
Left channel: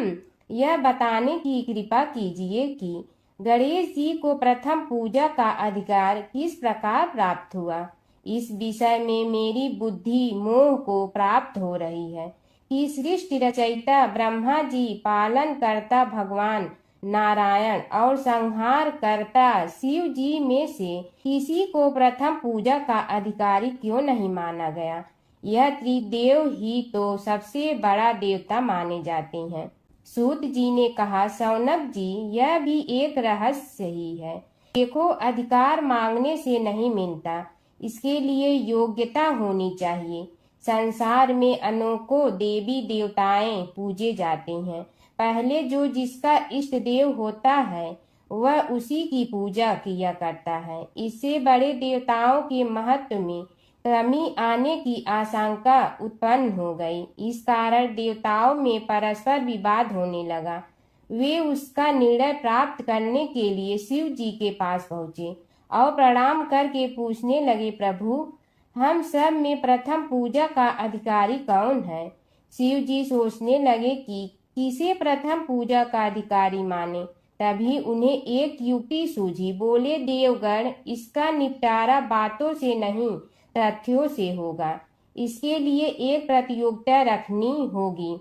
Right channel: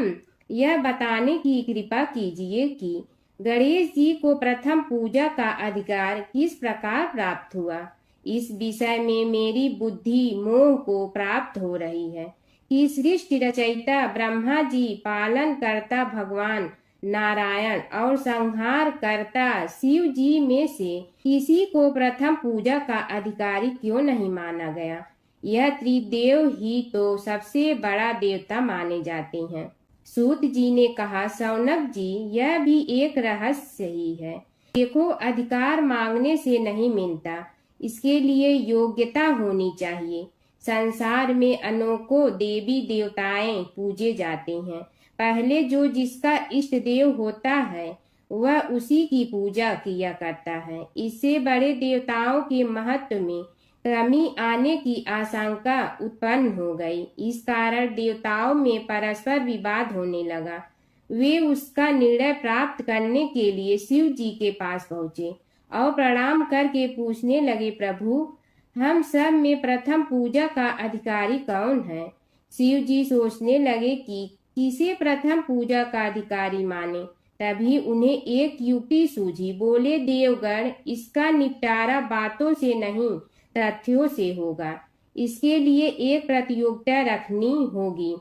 यह बताने की कृपा कीजिए कि गणेश जी को प्रथम पूजा का अधिकार किस प्रकार प्राप्त हुआ। इस विषय में मेरी बुद्धि मोह को प्राप्त हो रही है कि सृष्टि रचयिता ब्रह्मा जी, पालन करता भगवान नारायण और संहार करता शिव जी में से किसी को प्रथम पूजा का अधिकारी क्यों नहीं माना गया। यह त्रिदेव ही तो सबसे बड़ा देवता माने जाते हैं। सूत जी ने कहा, शौनक जी, यह भी एक रहस्य ही है। देखो, अधिकार मांगने से नहीं मिलता, इसके लिए योग्यता होनी चाहिए। संसार में अनेकों देवी देवताएं पूजे जाते हैं। पहले जो जिसका इष्ट देव होता है वह उसी की पूजा किया करता है। इससे बड़े देवताओं के महत्व में कमी आने की आशंका उत्पन्न हो गई। इस कारण देवताओं में परस्पर विवाद होने लगा। वे उसका निर्णय प्राप्त करने के लिए शिव जी के पास पहुँचे और प्रणाम करके पूछने लगे, प्रभु, हम सब में प्रथम पूजा का अधिकारी कौन है। शिव जी सोचने लगे कि किसे प्रथम पूजा का अधिकारी माने। तभी उन्हें एक युक्ति सूझी। बोले, देवगण, इसका निपटारा बातों से नहीं तथ्यों से होगा। इसके लिए एक प्रतियोगिता रखनी होगी,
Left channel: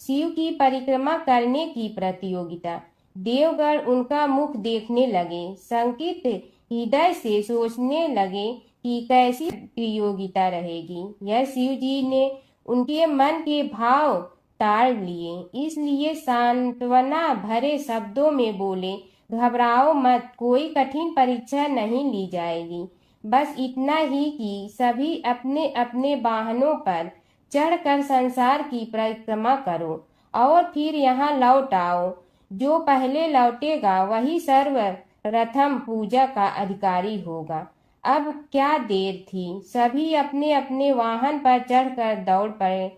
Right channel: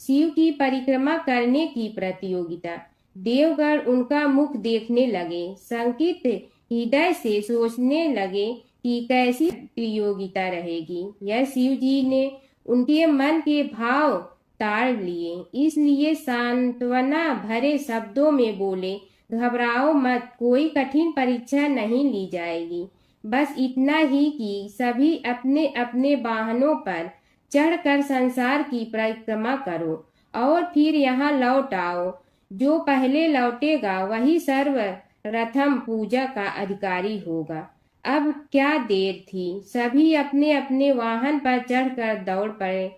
शिव की परिक्रमा करने की प्रतियोगिता। देवगण उनका मुख देखने लगे, शंकित हृदय से सोचने लगे कि कैसी प्रतियोगिता रहेगी। यह शिव जी ने उनके मन के भाव ताड़ लिए, इसलिए सांत्वना भरे शब्दों में बोले, घबराओ मत, कोई कठिन परीक्षा नहीं ली जाएगी। बस इतना ही कि सभी अपने अपने वाहनों पर चढ़कर संसार की परिक्रमा करो और फिर यहाँ लौट आओ। जो पहले लौटेगा वही सर्वप्रथम पूजा का अधिकारी होगा। अब क्या देर थी, सभी अपने अपने वाहन पर चढ़कर दौड़ पड़े।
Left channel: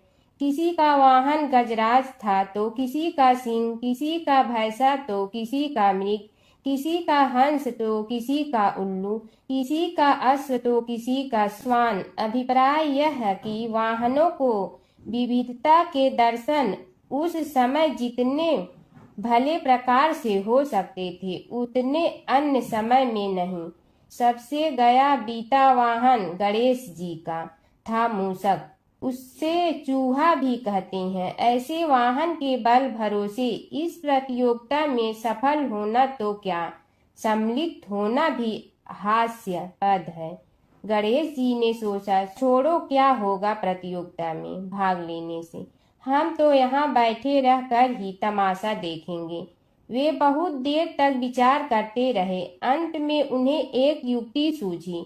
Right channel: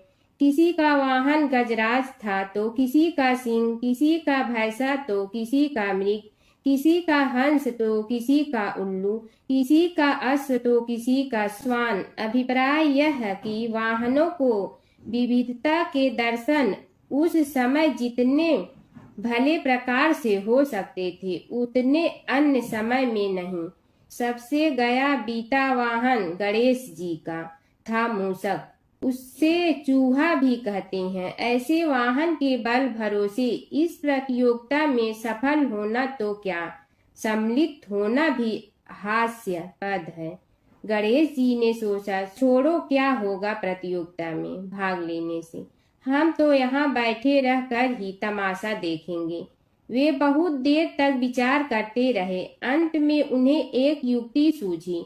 किसी का वाहन गजराज था तो किसी का सिंह, किसी का भैंसा तो किसी का मृग, किसी का हंस तो किसी का उल्लू, किसी का अश्व तो किसी का श्वान। अभिप्राय यह है कि वाहनों को विविधता के दर्शन उस समय जितने भले प्रकार से हो सकते थे उतने अन्य समय में नहीं। सबसे गया बीता वाहन गणेश जी का था मूषक, उससे चूहा भी कहते हैं। ऐसे वाहन के बल भरोसे इस प्रतियोगिता में सफल होना तो क्या, सम्मिलित होना भी हास्यास्पद है। गणेश जी ने सोचा, छोड़ो, क्या होगा प्रतियोगिता में भाग लेने से, हम तो यहाँ बैठे रह कर ही तमाशा देखेंगे। वे बहुत देर तक विचार करते रहे। अंत में उन्हें एक युक्ति सूझी।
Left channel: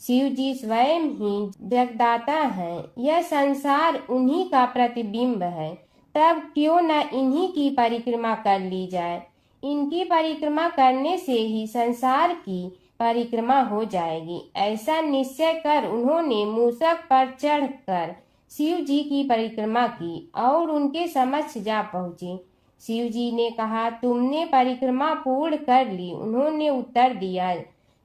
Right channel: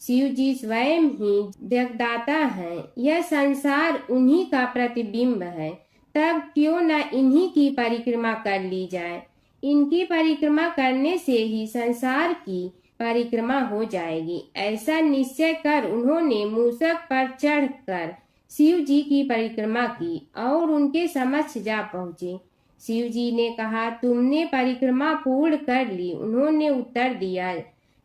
शिव जी स्वयं ही जगदाता हैं, यह संसार उन्हीं का प्रतिबिंब है, तब क्यों न इन्हीं की परिक्रमा कर ली जाए। इनकी परिक्रमा करने से ही संसार की परिक्रमा हो जाएगी। ऐसा निश्चय कर उन्होंने मूषक पर चढ़कर शिव जी की परिक्रमा की और उनके समक्ष जा पहुँचे। शिव जी ने कहा, तुमने परिक्रमा पूर्ण कर ली? उन्होंने उत्तर दिया,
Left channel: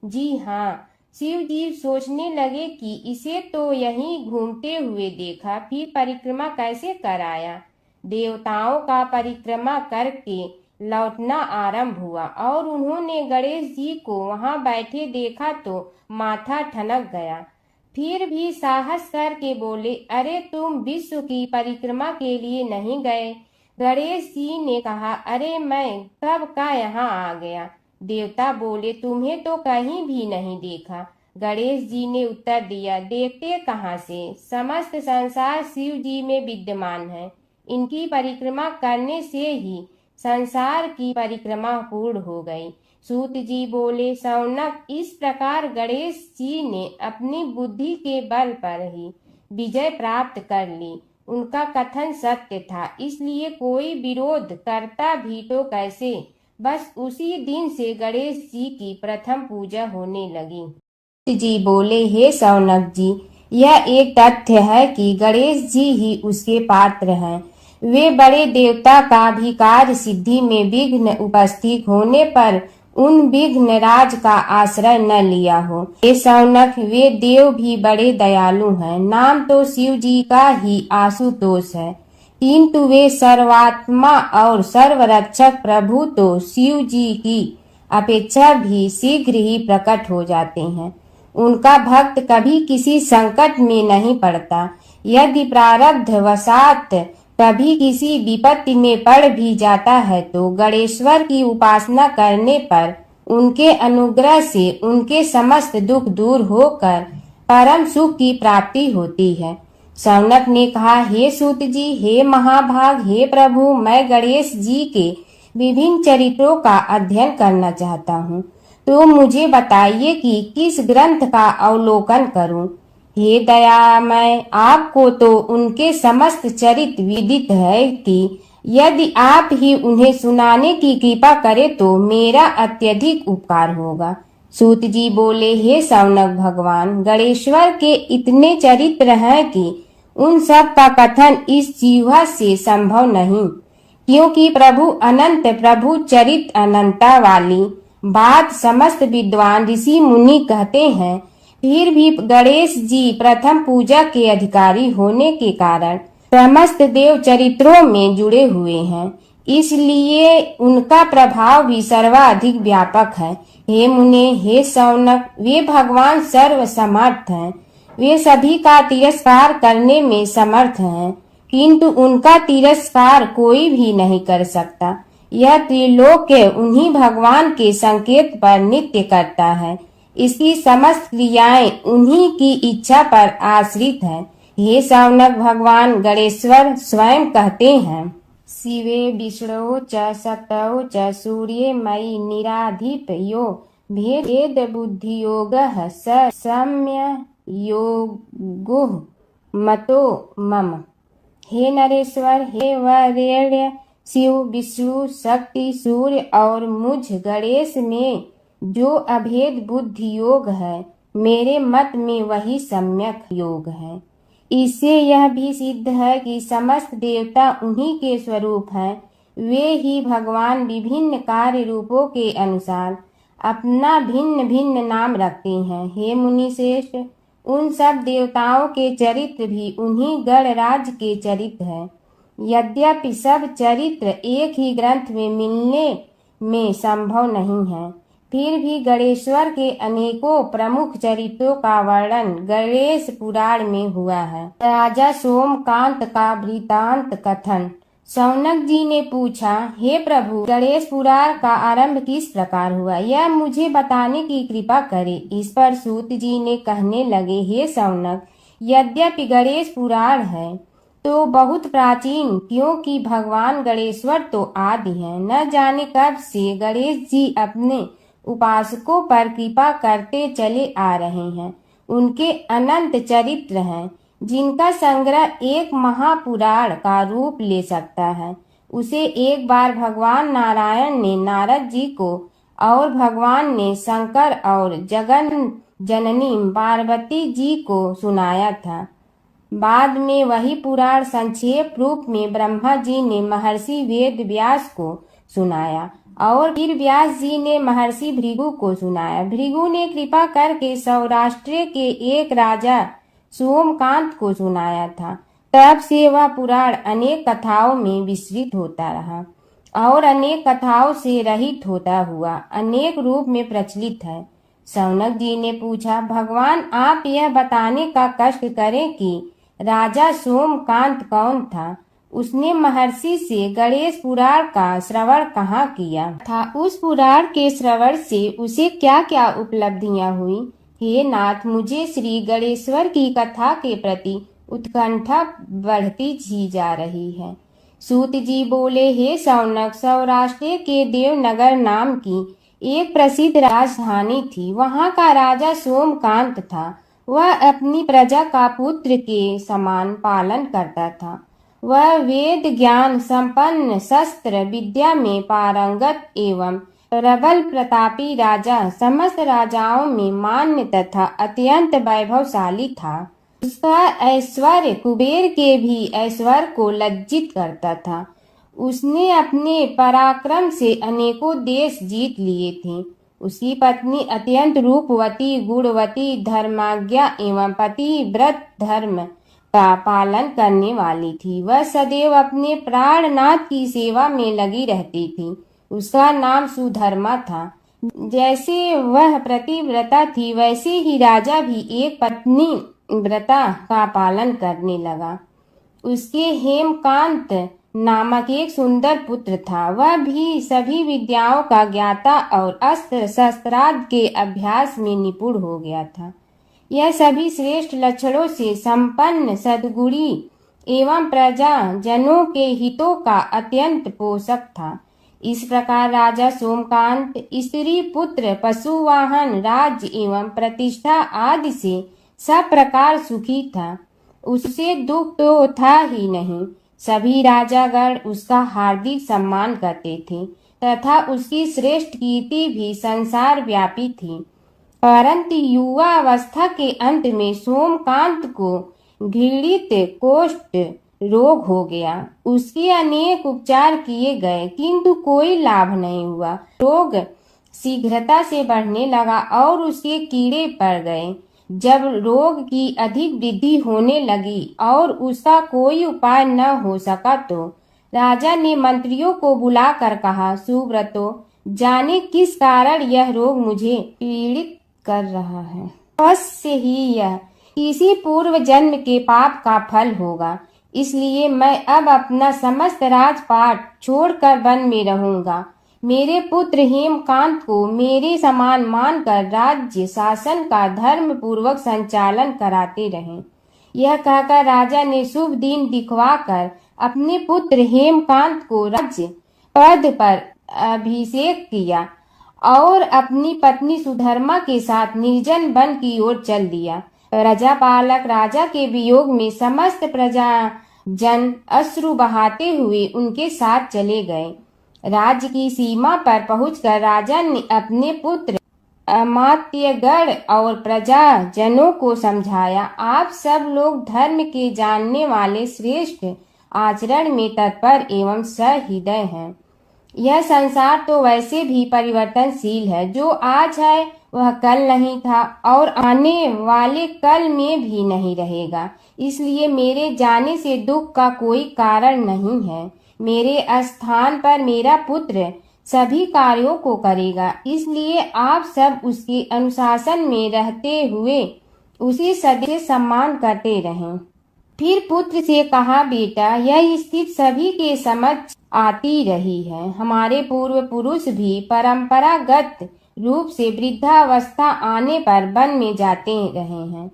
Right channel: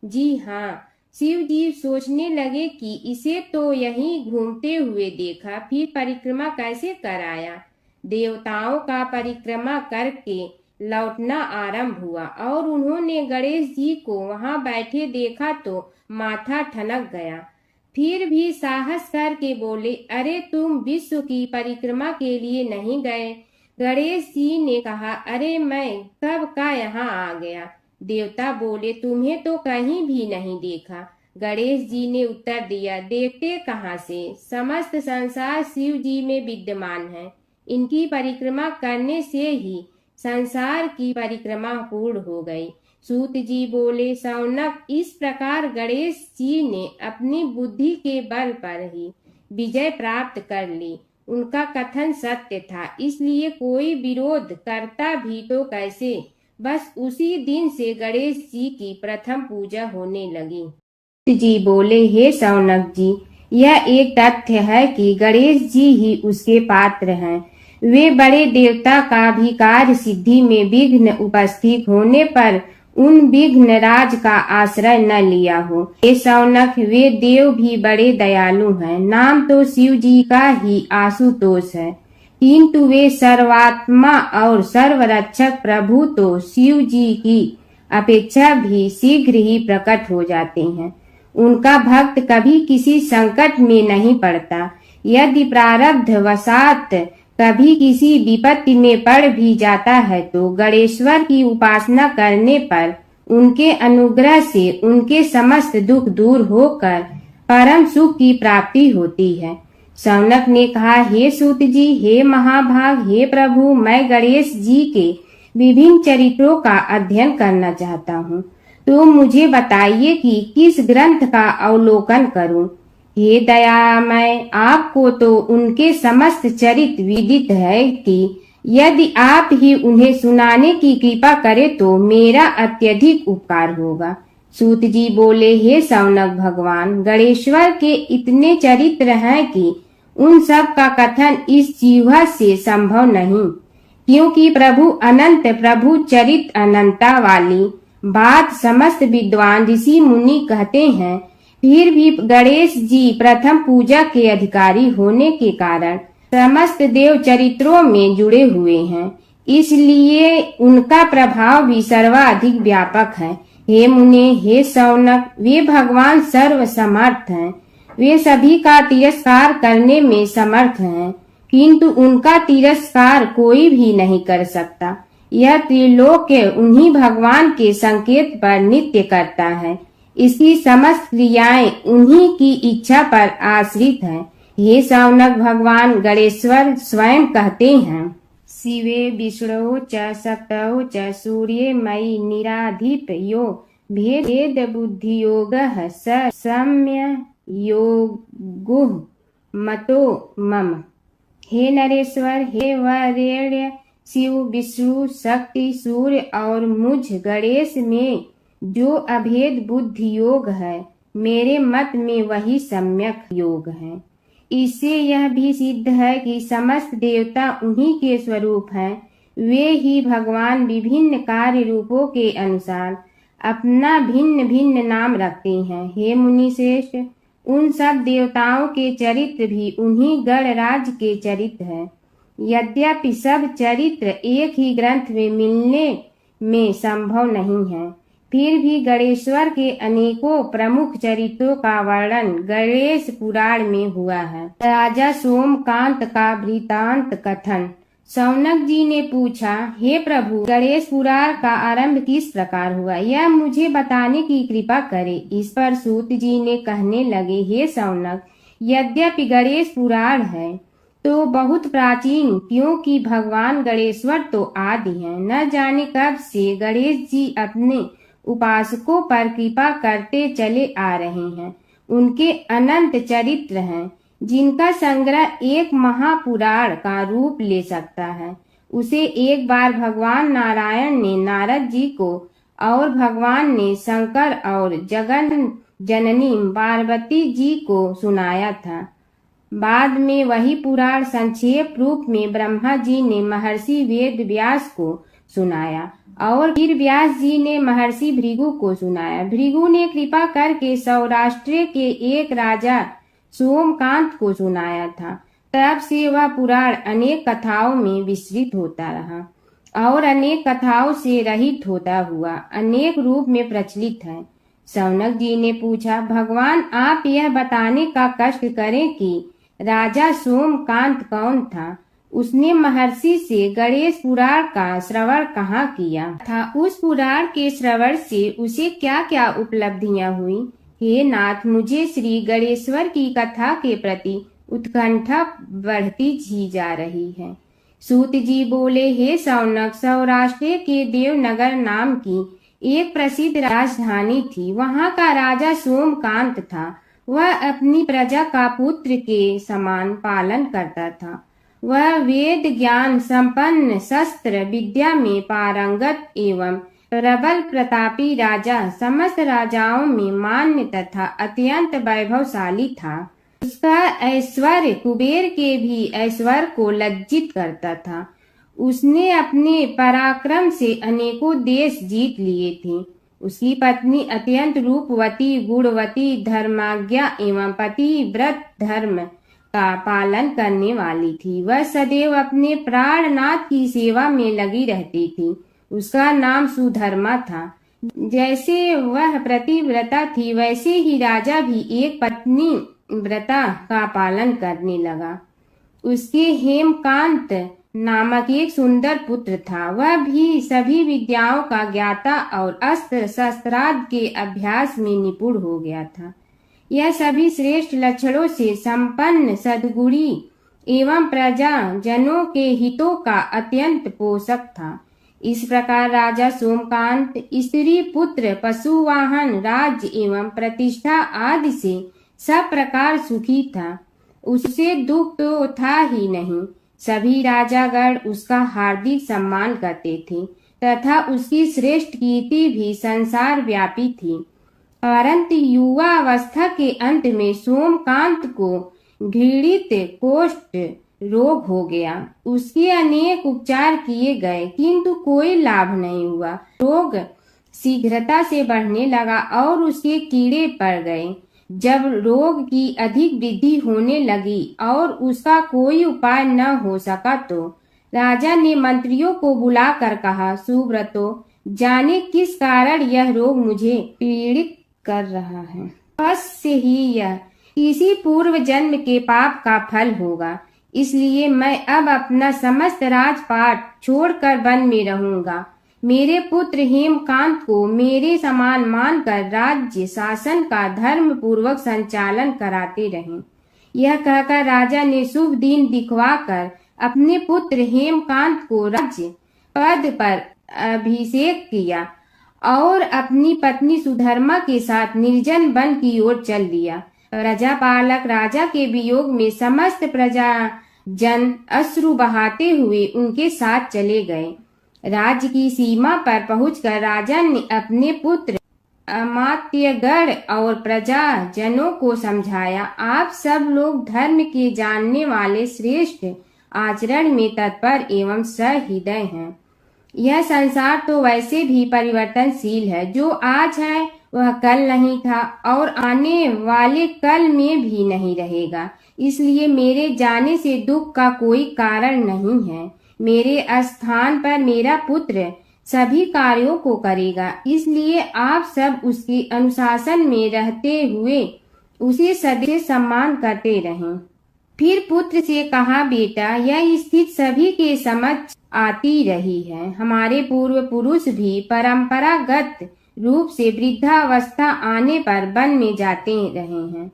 जी हाँ। शिव जी सोचने लगे कि इसे तो यहीं घूमते हुए देखा, फिर परिक्रमा कैसे कराया। देवताओं का परिक्रमा करके लौटना आरंभ हुआ और उन्होंने गणेश जी को वहां बैठे देखा तो माथा ठनक गया। फिर भी साहस करके बोले, अरे तुम विश्व की परिक्रमा के लिए नहीं गए? गणेश जी ने कहा, अरे मैं कब का यहाँ आ गया। देवता बोले, तुम्हें तो कहीं भी नहीं देखा। गणेश जी ने उत्तर दिया, देखते कहाँ से, समस्त संसार शिव जी में विद्यमान है। इनकी परिक्रमा करने से ही संसार की परिक्रमा पूर्ण हो गई। सूत जी बोले, शौनक, इस प्रकार गणेश जी ने अपनी बुद्धि के बल पर ही विजय प्राप्त कर ली। उनका कथन सत्य था, इसलिए कोई विरोध करता भी तो कैसे। बस उसी दिन से गणेश जी की प्रथम पूजा होने लगी। जी बोले, हे शौनक जी, यह एक तथ्य है कि गणेश जी ही उसके पात्र हैं। वे बड़े देवता का भी कार्य सिद्धि में विघ्न उपस्थित होने पर उन विघ्न राज का आश्रय न लिया हो। हे शौनक, वे देव भी बड़े दयालु हैं। नाम तो शिव जी का ही आशुतोष है, किंतु वे सर्वात्मा और सर्वरक्षक प्रभु तो शिव जी की अपेक्षा भी शीघ्र ही प्रकट हो जाते हैं। उनका भक्त कभी किसी संकट में नहीं पड़ता। यदि प्रारब्ध वशात कभी किसी विपत्ति में पड़ भी जाता है तो गणेश्वर की उपासना करने पर उनके अनुग्रह से उनके समस्त दुख दूर होकर परम सुख की प्राप्ति होती है। शौनक ने कहा, हे सूत जी, हे महाभाग, हे प्रभु, मैं गणेश जी के विभिन्न चरित्रों का अध्ययन करना चाहता हूँ, तो मुझे बताइए कि किस ग्रंथ का अवलोकन करूं। हे दयामय, आपको तो उनके समस्त चरित्र विदित है कि यदि आप ही उन्हें सुनाने की कृपा करें तो मेरा अत्यधिक उपकार होगा। सूत जी बोले, हे शौनक भगवान, गणेश्वर के इतने चरित्र हैं कि उन सब का कथन इस जीवा से संभव नहीं, क्योंकि प्रभु अनंत, प्रभु चरित्र अनंता वाली बात समस्त विद्वान ऋषि मुनि कहते हैं। फिर भी गणेश जी प्रथम पूजा के अधिकारी होने के कारण समस्त देव चरित्रों में जुड़े हुए हैं, इसलिए उनका प्रभाव भी सर्वाधिक व्यापक है। हे मुने, हे शौनक, वे भगवान सर्व समर्थ हैं। वे सभी का तिरस्कार करने में समर्थ हैं, किंतु उनका तिरस्कार कोई भी नहीं कर सकता। यह त्रिलोक्य उन्हीं भगवान के संकेत पर नित्य करता है। इसकी समस्त क्रियाएं उन्हीं की इच्छा पर आश्रित हैं। हे शौनक भगवान गणेश्वर स्वयं कहते हैं, शिवे विष्णु च शक्तौ च सूर्ये मयि निराधिप यो भेद बुद्धि योग स सम्य योगो मतो मम। हे नरेश्वर, हे वरेण्य, शिव, विष्णु, शक्ति, सूर्य और मुझ गणेश में जो अभेद बुद्धि योग है, मेरे मत में वही सम्यक योग है। इससे यह भी सिद्ध है कि समस्त देवता उन्हीं के स्वरूप हैं। वे ही भगवान विभिन्न कार्य रूपों के अनुसार अपना भिन्न भिन्न नाम रखते हैं। हे मुनि श्रेष्ठ, उन सब देवताओं के चरित्र भी उन्हीं गणराज के चरित्र हैं। यद्यपि सब चरित्र एक ही ग्रंथ में मिलने में संभव नहीं है, फिर भी गणेश्वर के अनेकों प्रमुख चरित्रों का वर्णन गणेश पुराण में हुआ है। राजा सोमकांत का वृतांत कथन शौनक जी ने पूछा, हे प्रभु, गणेश पुराण का आरंभ किस प्रकार हुआ, यह मुझे बताने की कृपा करे। इस पर सूत जी ने कहने लगे, हे शौनक, यद्यपि गणेश पुराण है तो बहुत प्राचीन, क्योंकि भगवान गणेश्वर तो आदि हैं। न जाने कब से गणेश जी अपने उपासकों पर कृपा करते चले आ रहे हैं। उनके अनंत चरित्र हैं, जिनका संग्रह एक महापुराण का रूप ले सकता है। उसे एक बार भगवान नारायण ने नारद जी को और भगवान ने शंकर और जगन जननी पार्वती जी को सुनाया था। बाद में वही पुराण संक्षेप रूप में ब्रह्मा जी ने महर्षि वेद व्यास को सुनाया और फिर व्यास जी ने महर्षि भृगु को सुनाया। भृगु ने कृपा करके सौराष्ट्र के एक राजा सोमकांत को सुनाया था। तब से वह पुराण अनेक कथाओं में विस्तृत होता रहा और अनेक कथाओं से रहित होता हुआ अनेक रूप में प्रचलित है। शौनक जी ने पूछा, भगवान, आप यह बताने का कष्ट करें कि राजा सोमकांत कौन था। उसने महर्षि से गणेश पुराण का श्रवण कहाँ किया था, उस पुराण के श्रवण से उसे क्या क्या उपलब्धियां हुई। हे नाथ, मुझे श्री गणेश्वर की कथा के प्रति उत्कंठा बढ़ती ही जा रही है। सूत जी बोले, हे शौनक, सौराष्ट्र के देवनगर नाम की एक प्रसिद्ध राजधानी थी। वहाँ का राजा सोमकांत था। वह अपनी प्रजा का पुत्र के समान पालन करता था। वह वेद ज्ञान संपन्न, शस्त्र विद्या में पारंगत एवं प्रबल प्रतापी राजा, समस्त राजाओं में मान्य तथा अत्यंत वैभवशाली था। उसका ऐश्वर्य कुबेर के भी ऐश्वर्य को लज्जित करता था। उसने अपने पराक्रम से अनेकों देश जीत लिए थे। उसकी पत्नी अत्यंत रूपवती, गुणवती, धर्माज्ञा एवं पतिव्रत धर्म का पालन करने वाली थी। वह सदैव अपने प्राणनाथ की सेवा में लगी रहती थी। उसका नाम सुधर्मा था। जैसे वह प्रतिव्रता थी, वैसे ही राजा भी एक पत्नी व्रता का पालन करने लगा। उसके हेमकांत नामक एक सुंदर पुत्र था। वह भी सभी विद्याओं का ज्ञाता और अस्त्र शस्त्रादि के अभ्यास में निपुण हो गया था। यह सभी श्रेष्ठ लक्षणों से संपन्न, सद्गुणी एवं प्रजा जनों के हितों का अत्यंत पोषक था। इस प्रकार राजा सोमकांत स्त्री पुत्र, पशुवाहन, राज्य एवं प्रतिष्ठा आदि से सब प्रकार सुखी था। उससे दुख तो था ही नहीं। सभी राजागण उसका हार्दिक सम्मान करते थे तथा उसकी श्रेष्ठ कीर्ति भी संसार व्यापी थी। परंतु युवा अवस्था के अंत में सोमकांत को घृणित कोष्ठ रोग हो गया। उसके अनेक उपचार किए गए, किंतु कोई लाभ नहीं हुआ। रोग शीघ्रता से बढ़ने लगा और उसके कीड़े पड़ गए। जब रोग की अधिक वृद्धि होने लगी और उसका कोई उपाय न हो सका, तो राजा ने मंत्रियों को बुलाकर कहा, सुव्रतो, जाने किस कारण यह रोग मुझे पीड़ित कर रहा है। अवश्य ही यह किसी पूर्व जन्म के पाप का फल होगा। इसलिए मैं अब अपना समस्त राजपाट छोड़कर वन में रहूंगा। मेरे पुत्र हेमकांत को मेरे समान मानकर राज्य शासन का धर्म पूर्वक संचालन कराते रहें। यह कहकर राजा ने शुभ दिन दिखवाकर अपने पुत्र हेमकांत को राज्य पद पर अभिषेक किया और अपनी पत्नी सुधर्मा के साथ निर्जन वन की ओर चल दिया। प्रजापालक राजा के वियोग में समस्त प्रजा जन अश्रु बहाते हुए उनके साथ चले गए। राज्य की सीमा पर पहुंचकर राजा ने अपने पुत्र अमात्यगण और प्रजा जनों को समझाया, आप सब लोग धर्म के जानने वाले, श्रेष्ठ आचरण में तत्पर एवं सहृदय हैं। यह संसार तो वैसे भी परिवर्तनशील है। जो आज है वह कल नहीं था और आने वाले कल में भी नहीं रहेगा। इसलिए मेरे जाने से दुख का कोई कारण नहीं है। मेरे स्थान पर मेरा पुत्र सभी कार्यों को करेगा। इसलिए आप सब उसके अनुशासन में रहते हुए उसे सदैव सम्मान करते रहें। फिर पुत्र से कहा, बेटा, यह स्थिति सभी के समझ आती रही है। हमारे पूर्व पुरुष भी परंपरागत रूप से वृद्धावस्था आने पर वन में जाते रहे हैं।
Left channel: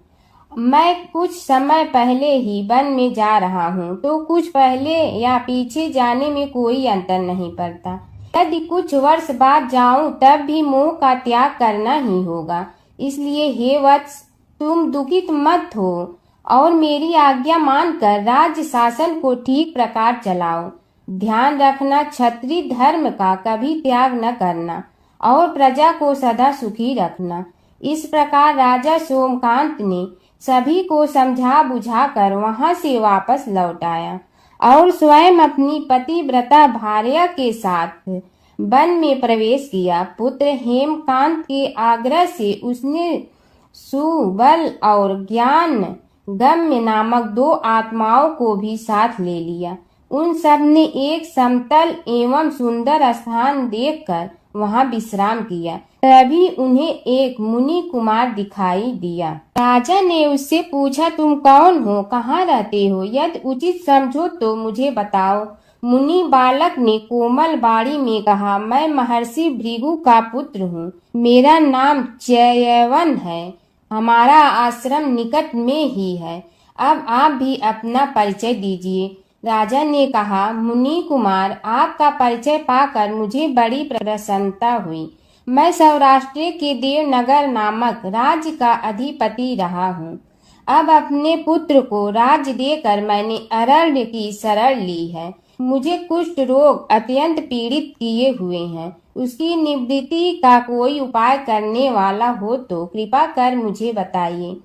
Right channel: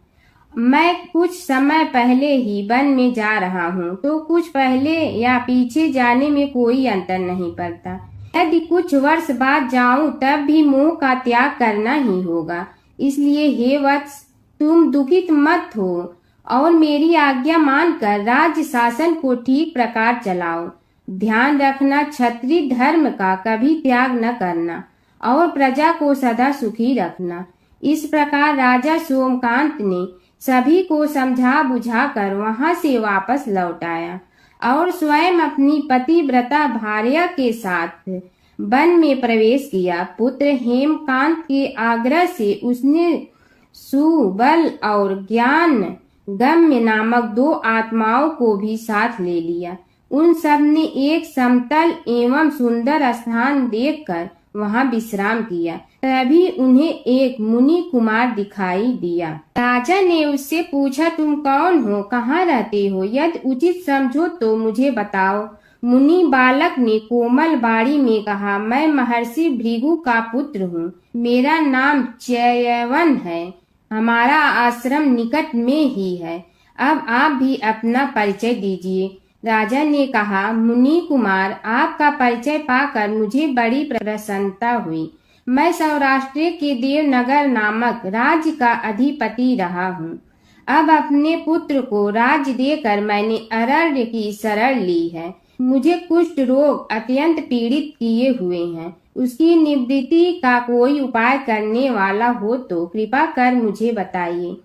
मैं कुछ समय पहले ही वन में जा रहा हूँ, तो कुछ पहले या पीछे जाने में कोई अंतर नहीं पड़ता। यदि कुछ वर्ष बाद जाऊं तब भी मोह का त्याग करना ही होगा। इसलिए हे वत्स, तुम दुखित मत हो और मेरी आज्ञा मानकर राज्य शासन को ठीक प्रकार चलाओ। ध्यान रखना, क्षत्रिय धर्म का कभी त्याग न करना और प्रजा को सदा सुखी रखना। इस प्रकार राजा सोमकांत ने सभी को समझा बुझाकर वहां से वापस लौट आया और स्वयं अपनी पतिव्रता भार्या के साथ वन में प्रवेश किया। पुत्र हेमकांत के आग्रह से उसने सुबल और ज्ञान गम्य नामक 2 आत्माओं को भी साथ ले लिया। उन सब ने एक समतल एवं सुंदर स्थान देखकर वहां विश्राम किया। तभी उन्हें एक मुनि कुमार दिखाई दिया। राजा ने उससे पूछा, तुम कौन हो, कहाँ रहते हो? यदि उचित समझो तो मुझे बताओ। मुनि बालक ने कोमल बाड़ी में कहा, मैं महर्षि भृगु का पुत्र हूँ। मेरा नाम च्यवन है। हमारा आश्रम निकट में ही है। अब आप भी अपना परिचय दीजिए। राजा ने कहा, मुनि कुमार, आपका परिचय पाकर मुझे बड़ी प्रसन्नता हुई। मैं सौराष्ट्र के देवनगर नामक राज्य का अधिपति रहा हूँ। अब अपने पुत्र को राज्य देकर मैंने अरण्य की शरण ली है। मुझे कुष्ठ रोग अत्यंत पीड़ित किए हुए हैं। उसकी निवृत्ति का कोई उपाय करने वाला हो तो कृपा कर मुझे बताइए।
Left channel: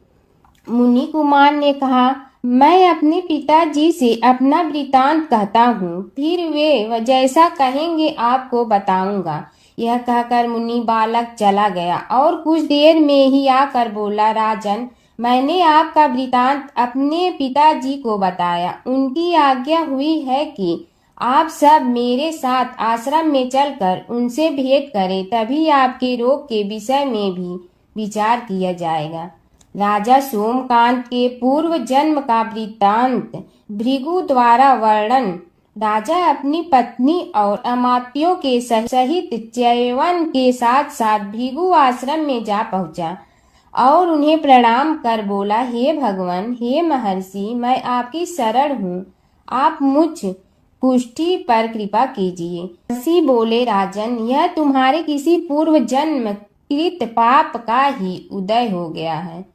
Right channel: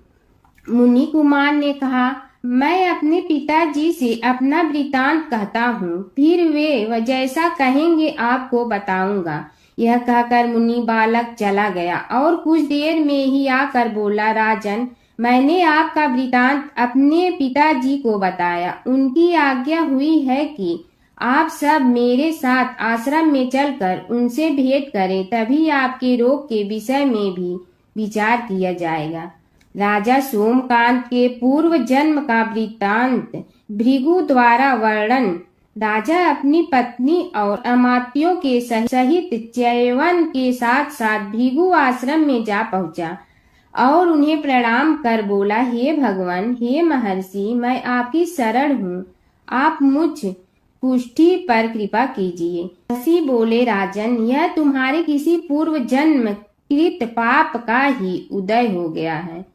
मुनि कुमार ने कहा, मैं अपने पिताजी से अपना वृतांत कहता हूँ, फिर वे जैसा कहेंगे आपको बताऊंगा। यह कहकर मुनि बालक चला गया और कुछ देर में ही आकर बोला, राजन, मैंने आपका वृतांत अपने पिताजी को बताया। उनकी आज्ञा हुई है कि आप सब मेरे साथ आश्रम में चलकर उनसे भेंट करें, तभी आपके रोग के विषय में भी विचार किया जाएगा। राजा सोमकांत के पूर्व जन्म का वृत्तांत भृगु द्वारा वर्णन। राजा अपनी पत्नी और अमात्यों के सहित च्यवन के साथ साथ भृगु आश्रम में जा पहुंचा और उन्हें प्रणाम कर बोला, हे भगवान, हे महर्षि, मैं आपकी शरण हूँ। आप मुझ कुष्ठी पर कृपा कीजिए। महर्षि बोले, राजन, यह तुम्हारे किसी पूर्व जन्म कृत पाप का ही उदय हो गया है।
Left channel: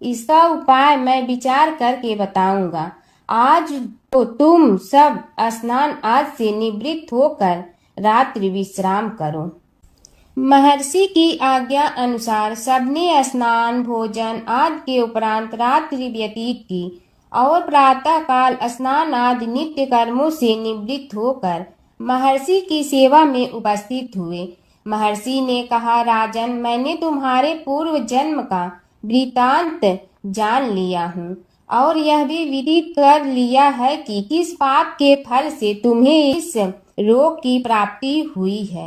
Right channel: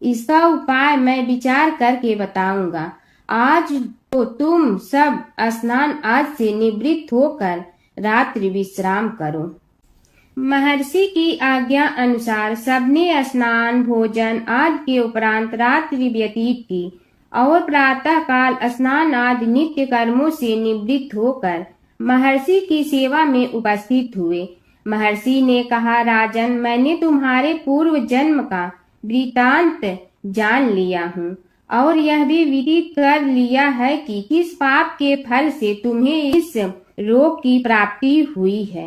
इसका उपाय मैं विचार करके बताऊंगा। आज तो तुम सब स्नान आज से निवृत्त होकर रात्रि विश्राम करो। महर्षि की आज्ञा अनुसार सबने स्नान भोजन आदि के उपरांत रात्रि व्यतीत की और प्रातः काल स्नान आदि नित्य कर्मों से निवृत्त होकर महर्षि की सेवा में उपस्थित हुए। महर्षि ने कहा, राजन, मैंने तुम्हारे पूर्व जन्म का वृतांत जान लिया हूँ और यह भी विदित कर लिया है कि किस पाप के फल से तुम्हें इस रोग की प्राप्ति हुई है।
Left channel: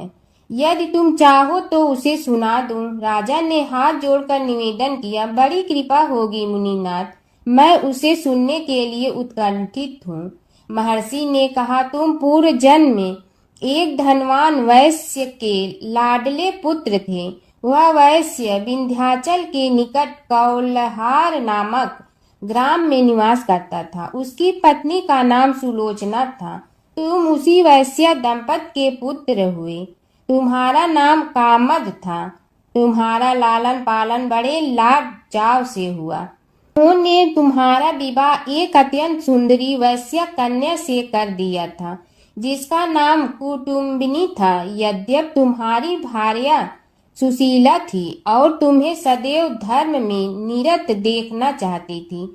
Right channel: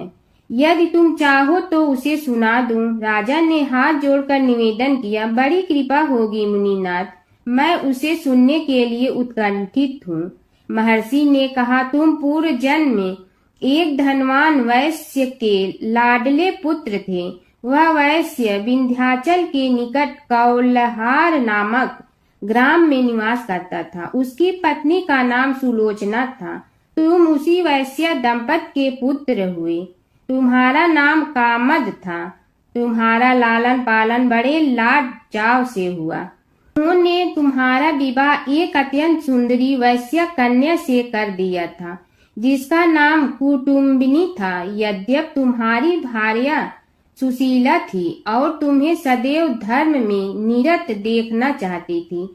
यदि तुम चाहो तो उसे सुना दूं। राजा ने हाथ जोड़कर निवेदन किया, बड़ी कृपा होगी मुनिनाथ, मैं उसे सुनने के लिए उत्कंठित हूँ। महर्षि ने कहा, तुम पूर्व जन्म में एक धनवान वैश्य के लाडले पुत्र थे। वह वैश्य विंध्याचल के निकट कौलहार नामक ग्राम में निवास करता था। उसकी पत्नी का नाम सुलोचना था। तुम उसी वैश्य दंपत के पुत्र हुए। तुम्हारा नाम कामद था। तुम्हारा लालन पालन बड़े लाड चाव से हुआ। उन्होंने तुम्हारा विवाह एक अत्यंत सुंदरी वैश्य कन्या से कर दिया था, जिसका नाम कुटुम्बिनी था। यद्यप तुम्हारी भार्या सुशीला थी और तुम्हें सदैव धर्म में निरत देखना चाहती थी,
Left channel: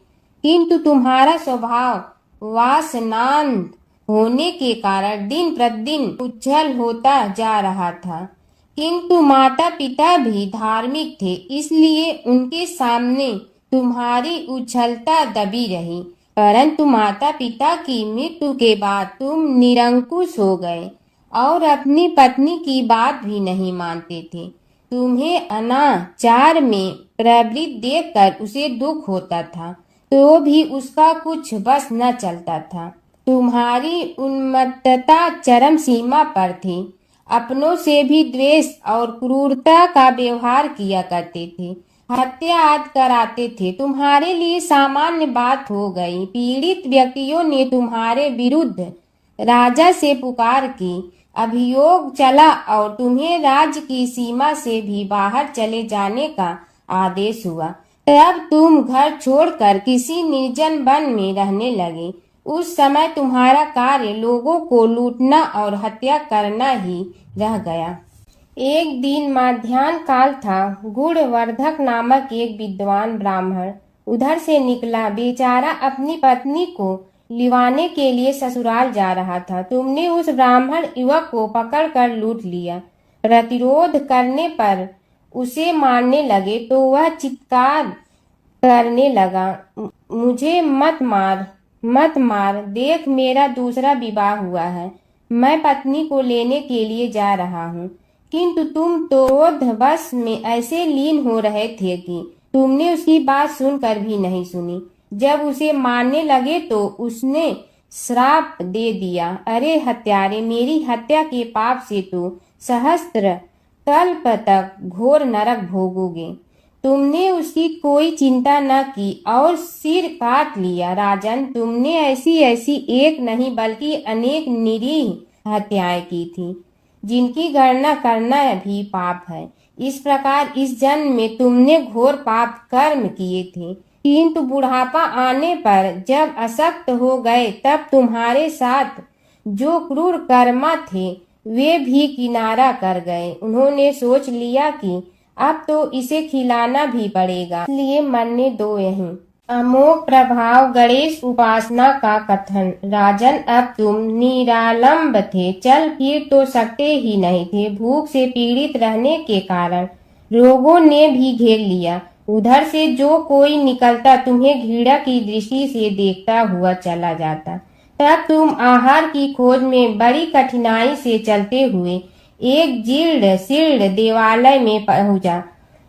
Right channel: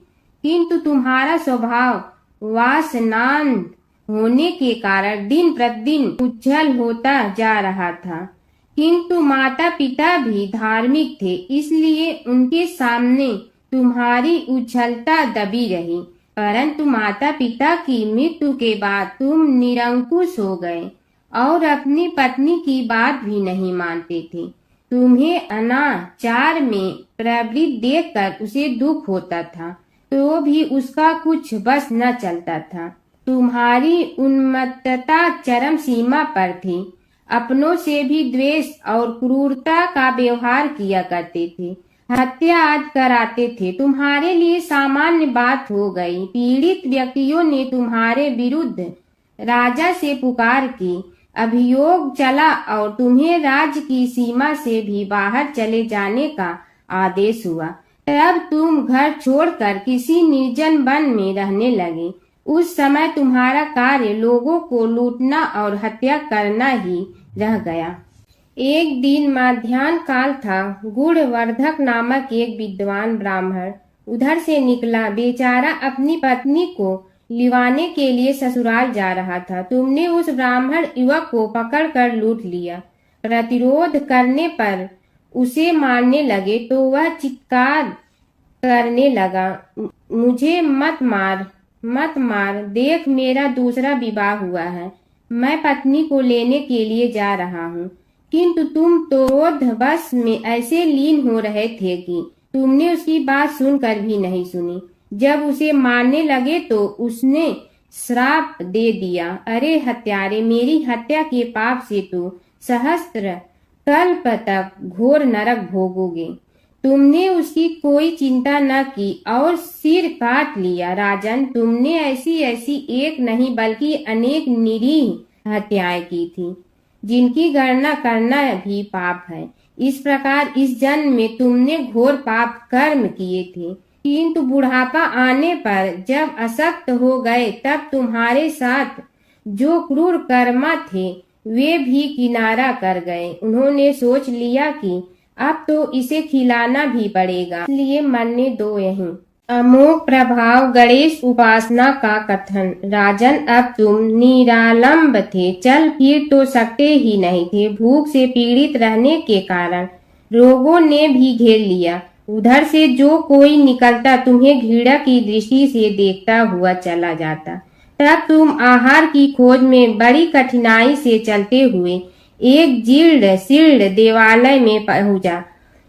किंतु तुम्हारा स्वभाव वासनांध होने के कारण दिन प्रतिदिन उज्जवल होता जा रहा था। किंतु माता पिता भी धार्मिक थे, इसलिए उनके सामने तुम्हारी उज्ज्वलता दबी रही। परंतु माता पिता की मृत्यु के बाद तुम निरंकुश हो गए और अपनी पत्नी की बात भी नहीं मानते थे। तुम्हें अनाचार में प्रवृत्त देखकर उसे दुख होता था। तो भी उसका कुछ बस न चलता था। तुम्हारी उन्मत्तता चरम सीमा पर थी। अपनों से भी द्वेष और क्रूरता का व्यवहार किया करते थे, हत्या आदि कराते थे। तुम्हारे लिए सामान्य बात हो गई। पीड़ित व्यक्तियों ने तुम्हारे विरुद्ध राजा से पुकार की, अभियोग चला और तुम्हें राज्य की सीमा से भी बाहर चले जाने का आदेश हुआ। तब तुम घर छोड़कर किसी निर्जन वन में रहने लगे। उस समय तुम्हारा कार्य लोगों को लूटना और हत्या करना ही रह गया। एक दिन माध्याह्न काल था। गुणवर्धक नामक एक विद्वान ब्राह्मण उधर से निकला। बेचारा अपनी पत्नी को लिवाने के लिए ससुराल जा रहा था। तुमने उस ब्राह्मण युवक को पकड़कर लूट लिया। प्रतिरोध करने पर उसे मारने लगे तो वह चित्कार करने लगा, मुझे मत मार, मत मार, देख मेरा दूसरा विवाह हुआ है, मैं पत्नी को लेने के लिए जा रहा हूँ। किंतु तुम तो क्रोधवश में ऐसे लीन हो रहे थे कि तुमने उसकी बात सुनकर भी नहीं सुनी। जब उसे मारने लगे तो उसने श्राप दे दिया, अरे हत्यारे, मेरी हत्या के पाप से तो सहस्त्र कल्प तक घोर नरक भोगोगे। तुमने उसकी कोई चिंता न की और सिर काट लिया। राजन, तुमने ऐसी ऐसी एक नहीं बल्कि अनेक निरीह हत्याएं की थी, जिनकी गणना करना भी पाप है। इस प्रकार इस जन्म में तुमने घोर पाप कर्म किए थे, किंतु बुढ़ापा आने पर जब अशक्त हो गए तब तुम्हारे साथ जो क्रूर कर्मा थे वे भी किनारा कर गए। उन्होंने सोच लिया कि अब तो इसे खिलाना भी पड़ेगा, इसलिए मरने दो यहीं। अमोघ प्रभाव गणेश उपासना का कथन। राजन, अब तुम निरालंब थे, चल फिर तो सकते ही नहीं थे। भूख से पीड़ित रहने के कारण रोगों ने भी घेर लिया। उधर से जो कोई निकलता तुम्हें घृणा की दृष्टि से देखता हुआ चला जाता। तब तुम आहार की खोज में बड़ी कठिनाई से चलते हुए एक जीर्ण शीर्ण देवालय में पहुंचा।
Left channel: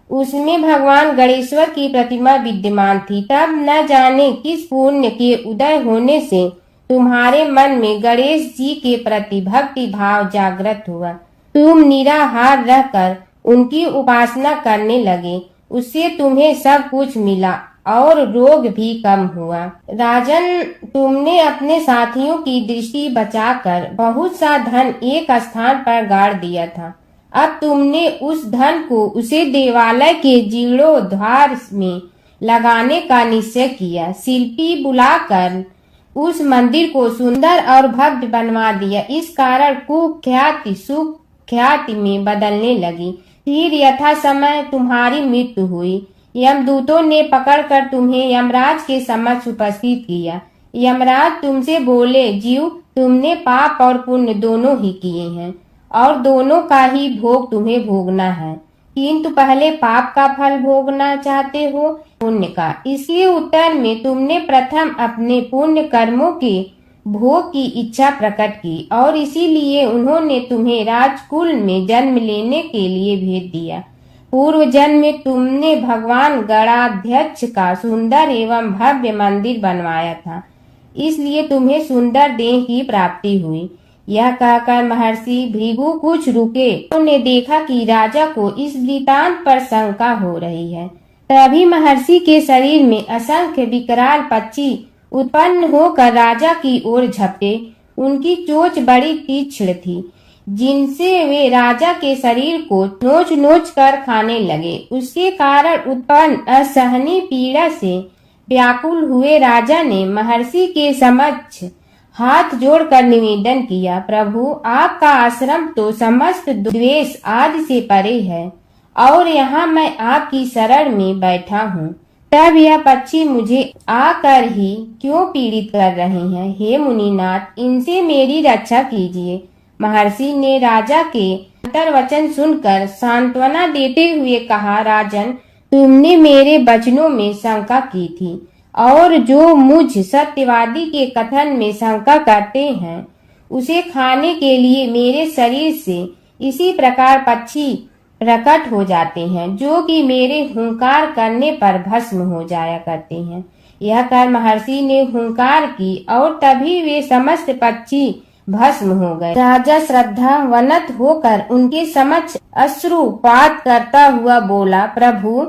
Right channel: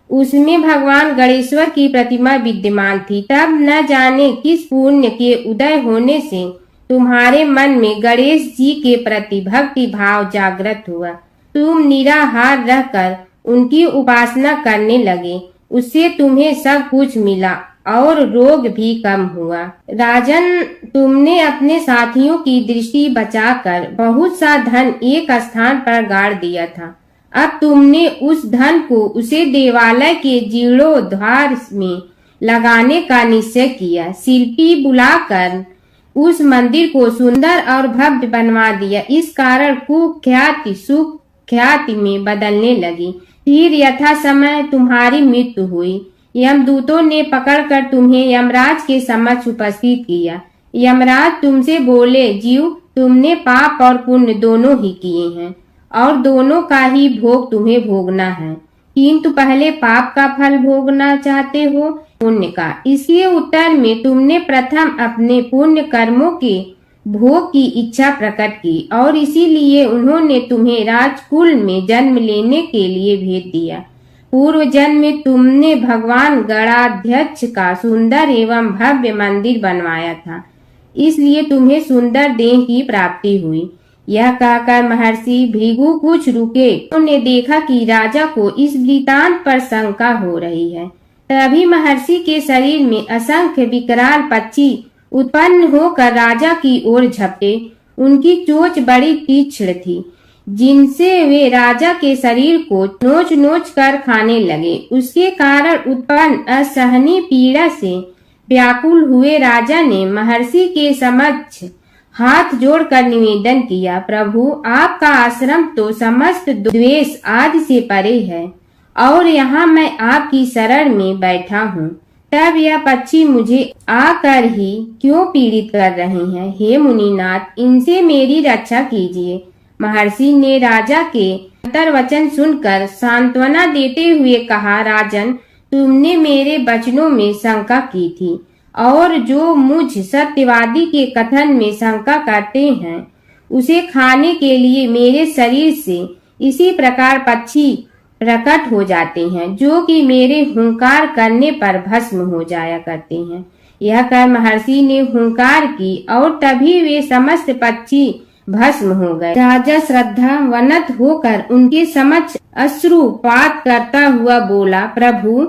उसमें भगवान गणेश्वर की प्रतिमा विद्यमान थी। तब न जाने किस पुण्य के उदय होने से तुम्हारे मन में गणेश जी के प्रति भक्ति भाव जागृत हुआ। तुम निराहार रहकर उनकी उपासना करने लगे। उससे तुम्हें सब कुछ मिला और रोग भी कम हुआ। राजन, तुमने अपने साथियों की दृष्टि बचाकर बहुत सा धन एक स्थान पर गाड़ दिया था। अब तुमने उस धन को उसे देवालय के जीर्णोद्धार में लगाने का निश्चय किया। शिल्पी बुलाकर उस मंदिर को सुंदर और भव्य बनवा दिया। इस कारण कुख्याति सुख्याति में बदलने लगी। फिर यथा समय तुम्हारी मृत्यु हुई। यमदूतों ने पकड़कर तुम्हें यमराज के समक्ष उपस्थित किया। यमराज तुमसे बोले, जीव, तुमने पाप और पुण्य दोनों ही किए हैं और दोनों का ही भोग तुम्हें भोगना है, किंतु पहले पाप का फल भोगना चाहते हो पुण्य का। इसके उत्तर में तुमने प्रथम अपने पुण्य कर्मों के भोग की इच्छा प्रकट की और इसीलिए उन्होंने तुम्हें राजकुल में जन्म लेने के लिए भेज दिया। पूर्व जन्म में तुमने भगवान गणाध्यक्ष का सुंदर एवं भव्य मंदिर बनवाया था, इसलिए तुम्हें सुंदर देह की प्राप्ति हुई। यह कहकर महर्षि भृगु कुछ रुके। उन्होंने देखा कि राजा को इस वृतांत पर शंका हो रही है। तभी महर्षि के शरीर में असंख्य विकराल पक्षी उत्पन्न होकर राजा की ओर झपटे। उनकी चोंच बड़ी तीक्ष्ण थी, जिनसे वे राजा के शरीर को नोच नोच कर खाने लगे। उसके कारण उत्पन्न असहनीय पीड़ा से व्याकुल हुए राजा ने महर्षि के समक्ष हाथ जोड़कर निवेदन किया, प्रभु, आपका आश्रम तो समस्त द्वेष आदि से परे है और यहाँ मैं आपकी शरण में बैठा हूँ। तब यह पक्षी मुझे आकर ही क्यों पीड़ित कर रहे हैं? हे मुनिनाथ, इनसे मेरी रक्षा कीजिए। महर्षि ने राजा के अंतर्वचन सुनकर सांत्वना देते हुए कहा, राजन, तुमने मेरे वचनों में शंका की थी और जो मुझ सत्यवादी के कथन में शंका करते हैं उसे खाने के लिए मेरे शरीर से इसी प्रकार पक्षी प्रकट हो जाते हैं, जो कि मेरे हुंकार करने पर भस्म हो जाया करते हैं। यह कर महर्षि ने हुंकार की और तभी वे समस्त पक्षी भस्म हो गए। राजा श्रद्धावनत होकर उनके समक्ष अश्रुपात करता हुआ बोला, प्रभु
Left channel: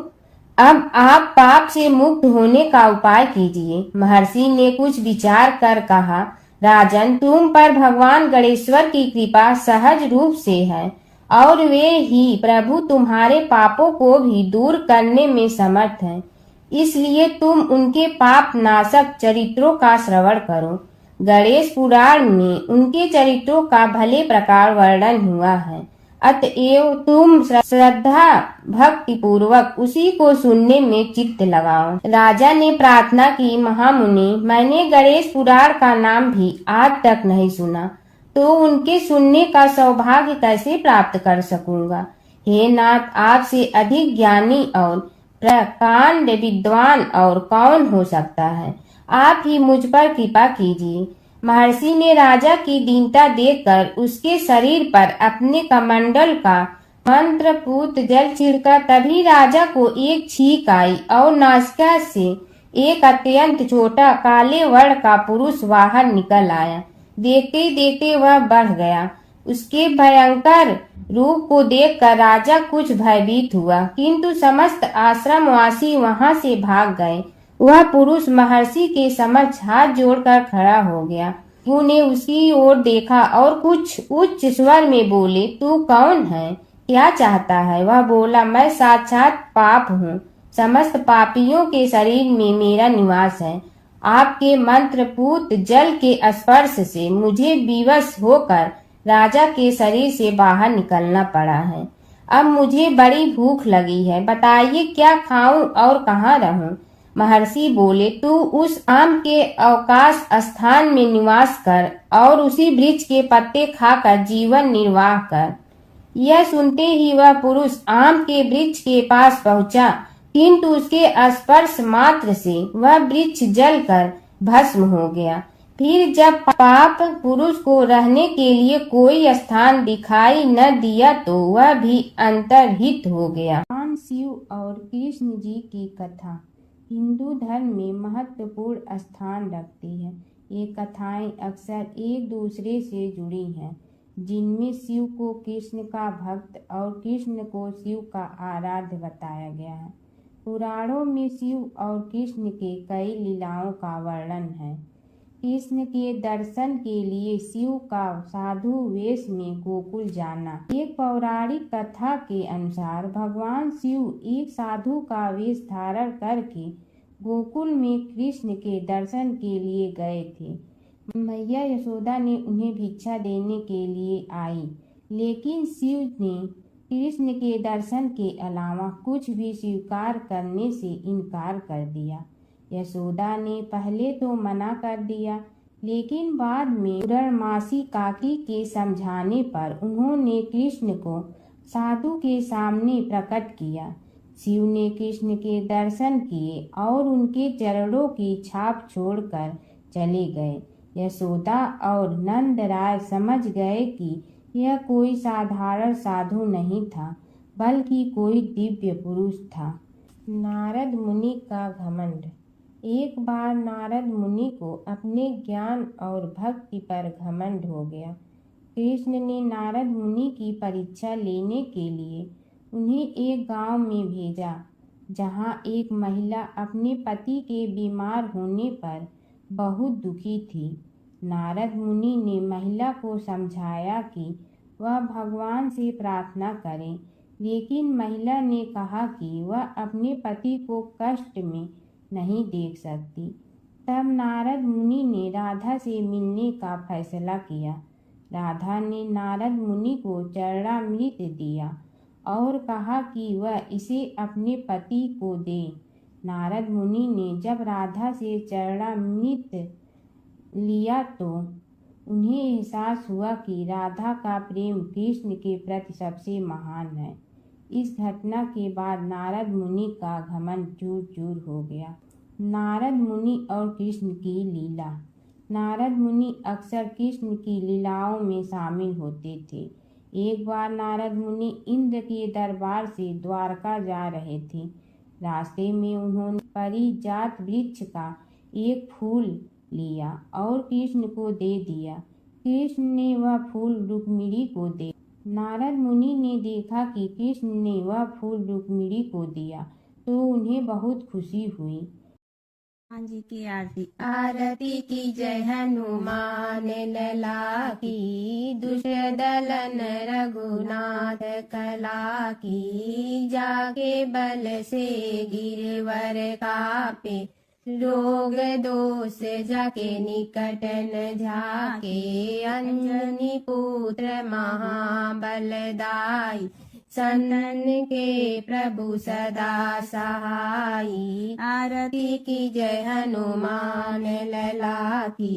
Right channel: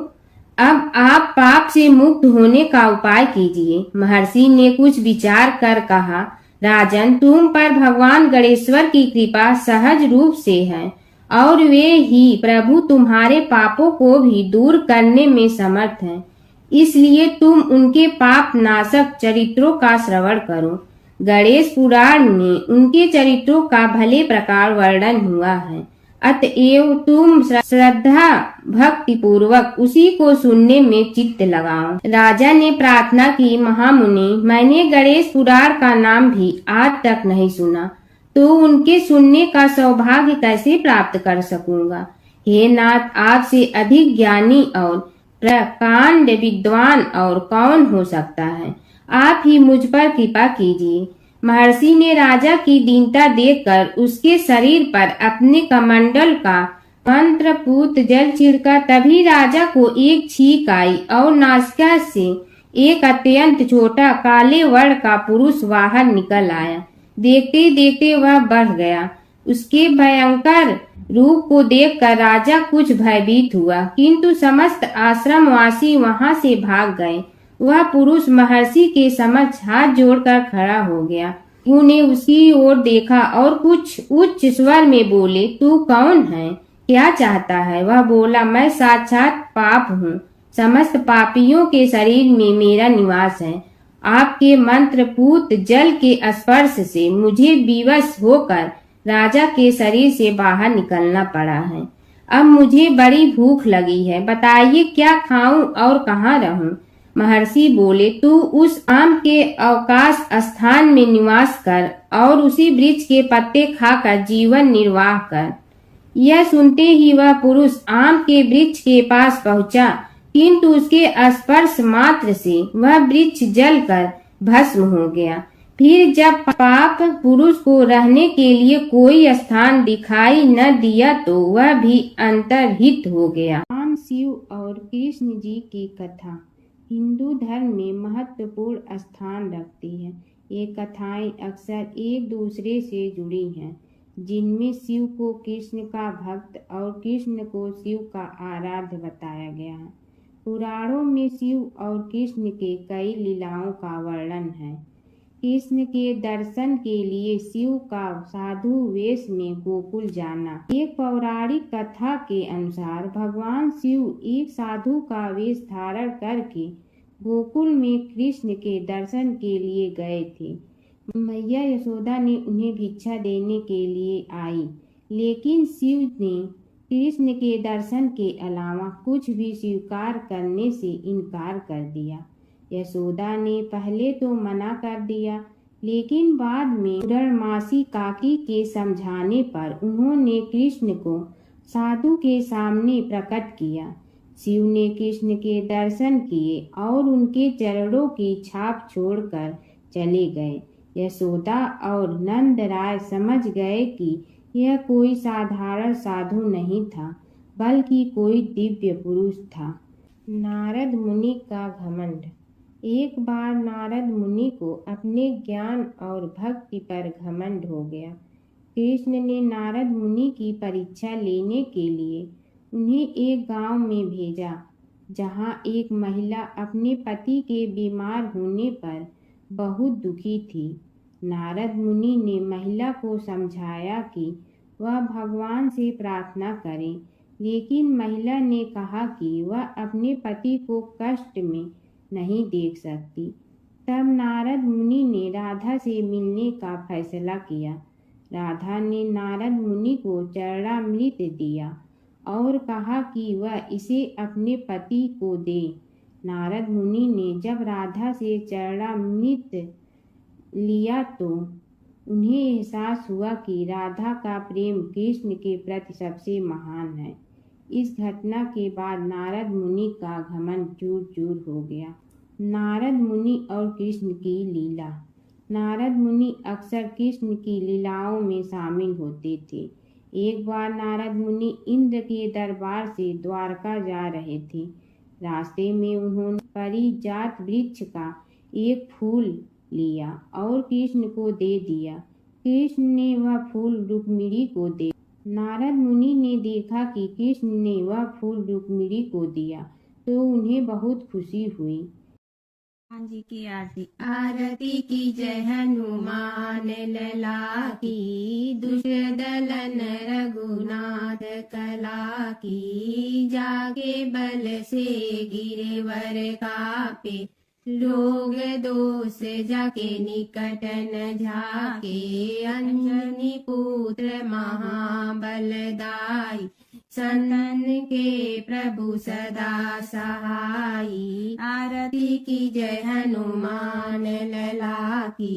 अब आप पाप से मुक्त होने का उपाय कीजिए। महर्षि ने कुछ विचार कर कहा, राजन तुम पर भगवान गणेश्वर की कृपा सहज रूप से है और वे ही प्रभु तुम्हारे पापों को भी दूर करने में समर्थ हैं। इसलिए तुम उनके पाप नाशक चरित्रों का श्रवण करो। गणेश पुराण में उनके चरित्रों का भले प्रकार वर्णन हुआ है, अतएव तुम श्रद्धा भक्ति पूर्वक उसी को सुनने में चित्त लगाओ। राजा ने प्रार्थना की, महामुनि मैंने गणेश पुराण का नाम भी आज तक नहीं सुना, तो उनके सुनने का सौभाग्य कैसे प्राप्त कर सकूंगा। हे नाथ, आपसे अधिक ज्ञानी और प्रकांड विद्वान और कौन हो सकता है। आप ही मुझ पर कृपा कीजिए। महर्षि ने राजा की दीनता देखकर उसके शरीर पर अपने कमंडल का मंत्रपूत जल छिड़का। तभी राजा को एक छींक आई और नासिका से एक अत्यंत छोटा काले वर्ण का पुरुष बाहर निकल आया। देखते देखते वह बढ़ गया। उसके भयंकर रूप को देखकर राजा कुछ भयभीत हुआ, किंतु समस्त आश्रमवासी वहां से भाग गए। वह पुरुष महर्षि के समक्ष हाथ जोड़कर खड़ा हो गया। उन्हें उसकी ओर देखा और कुछ उच्च स्वर में बोले, तू कौन है, क्या चाहता है। वह बोला, मैं साक्षात पाप हूँ। समस्त पापियों के शरीर में मेरा निवास है। आपके मंत्रपूत जल के स्पर्श से मुझे विवश होकर राजा के शरीर से बाहर निकलना पड़ा है। अब मुझे बड़ी भूख लगी है, बताइए क्या खाऊं और कहाँ रहूं। महर्षि बोले, तू उस आम के अवकाश स्थान में निवास कर और उसी वृक्ष के पत्ते खाकर जीवन निर्वाह कर। यह सुनते ही वह पुरुष आम के वृक्ष के पास पहुंचा, किंतु उसके स्पर्श मात्र से वह वृक्ष जलकर भस्म हो गया। फिर जब पाप पुरुष को रहने के लिए कोई स्थान दिखाई न दिया तो वह भी अंतर्हित हो गया। भगवान शिव और कृष्ण जी की कथा हिंदू धर्म में महत्वपूर्ण स्थान रखती है। ये कथाएं अक्सर एक दूसरे से जुड़ी हैं, जिनमें शिव को कृष्ण का भक्त और कृष्ण को शिव का आराध्य बताया गया है। पुराणों में शिव और कृष्ण के कई लीलाओं का वर्णन है। कृष्ण के दर्शन के लिए शिव का साधु वेश में गोकुल जाना। एक पौराणिक कथा के अनुसार भगवान शिव एक साधु का वेश धारण करके गोकुल में कृष्ण के दर्शन के लिए गए थे। मैया यशोदा ने उन्हें भिक्षा देने के लिए आई, लेकिन शिव ने कृष्ण के दर्शन के अलावा कुछ भी स्वीकार करने से इनकार कर दिया। यशोदा ने पहले तो मना कर दिया, लेकिन बाद में पूर्णमासी काकी के समझाने पर उन्होंने कृष्ण को साधु के सामने प्रकट किया। शिव ने कृष्ण के दर्शन किए और उनके चरणों की छाप छोड़कर चले गए। यशोदा और नंद राय समझ गए कि यह कोई साधारण साधु नहीं था, बल्कि कोई दिव्य पुरुष था। नारद मुनि का घमंड। एक बार नारद मुनि को अपने ज्ञान और भक्ति पर घमंड हो गया। कृष्ण ने नारद मुनि की परीक्षा लेने के लिए उन्हें एक गांव में भेजा, जहां एक महिला अपने पति के बीमार होने पर बहुत दुखी थी। नारद मुनि ने महिला को समझाया कि वह भगवान से प्रार्थना करे, लेकिन महिला ने कहा कि वह अपने पति को कष्ट में नहीं देख सकती। तब नारद मुनि ने राधा से मिलने का फैसला किया। राधा ने नारद मुनि को चरणामृत दिया और कहा कि वह इसे अपने पति को दे। नारद मुनि ने जब राधा से चरणामृत लिया तो उन्हें एहसास हुआ कि राधा का प्रेम कृष्ण के प्रति सबसे महान है। इस घटना के बाद नारद मुनि का घमंड चूर चूर हो गया। नारद मुनि और कृष्ण की लीला। नारद मुनि अक्सर कृष्ण की लीलाओं में शामिल होते थे। एक बार नारद मुनि इंद्र के दरबार से द्वारका जा रहे थे। रास्ते में उन्होंने पारिजात वृक्ष का एक फूल लिया और कृष्ण को दे दिया। कृष्ण ने वह फूल रुक्मिणी को दे। नारद मुनि ने देखा कि कृष्ण ने वह फूल रुक्मिणी को दिया तो उन्हें बहुत खुशी हुई। हनुमान जी की आरती। आरती की जय हनुमान लला की, दुष्ट दलन रघुनाथ कला की। जाके बल से गिरवर कापे, रोग दोष जाके निकट न झाके। अंजनी पुत्र महाबलदाई, संतन के प्रभु सदा सहाई। आरती की जय हनुमान लला की,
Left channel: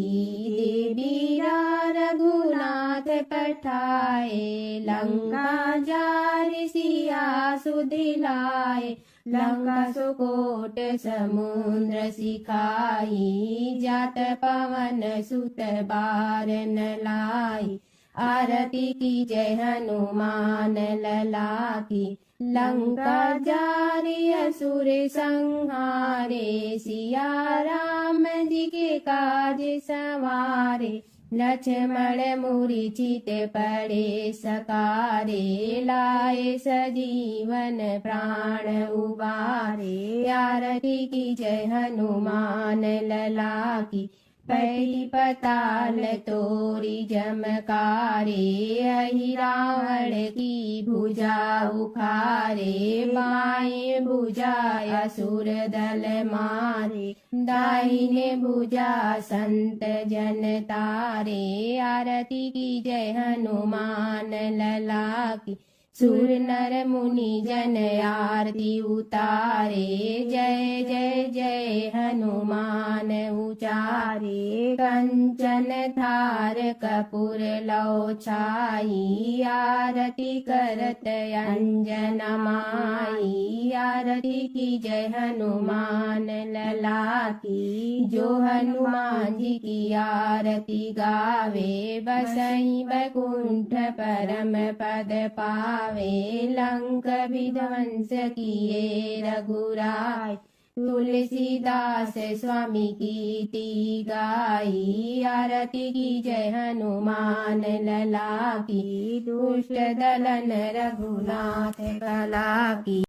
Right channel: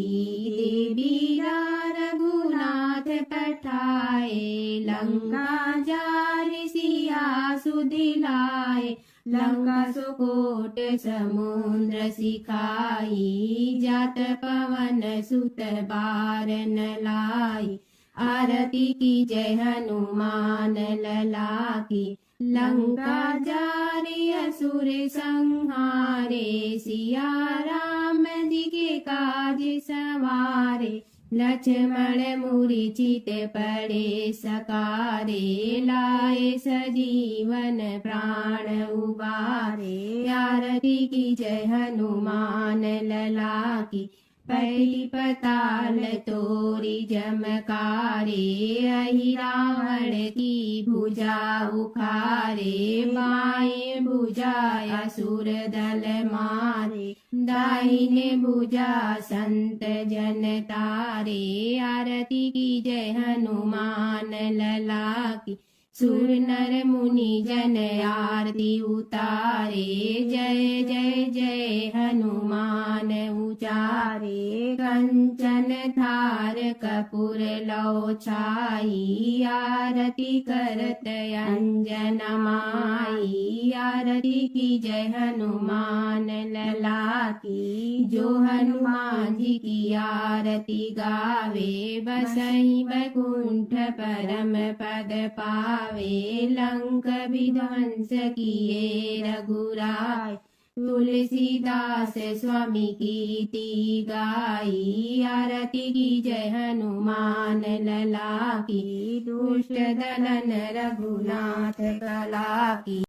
देवीरा रघुनाथ पठाए। लंका जारि सिया सुदिलाए, लंका सुकोट समुद्र सिखाई। जात पवन सुत बार न लाई, आरती की जय हनुमान लला की। लंका जारि असुर संहारे, सिया राम जी के काज सवारे। लक्ष्मण मूर्छित पड़े सकारे, लाए सजीवन प्राण उबारे। आरती की जय हनुमान लला की, पैटी पताल तोरी जमकारे। अहि रावण की भुजा उखारे, बाएं भुजा असुर दल मारे। दाहिने भुजा संत जन तारे, आरती की जय हनुमान लला की। सुर नर मुनि जन आरती उतारे, जय जय जय हनुमान उचारे। कंचन थार कपूर लौ छाई, आरती करत अंजन माई। आरती की जय हनुमान लला की, जो हनुमान जी की आरती गावे। बसई बैकुंठ परम पद पावे, लंक विध्वंस किए रघुराय। तुलसीदास स्वामी कीर्ति गाई, आरती की जय हनुमान लला की। दुष्ट दलन रघुनाथ कला की।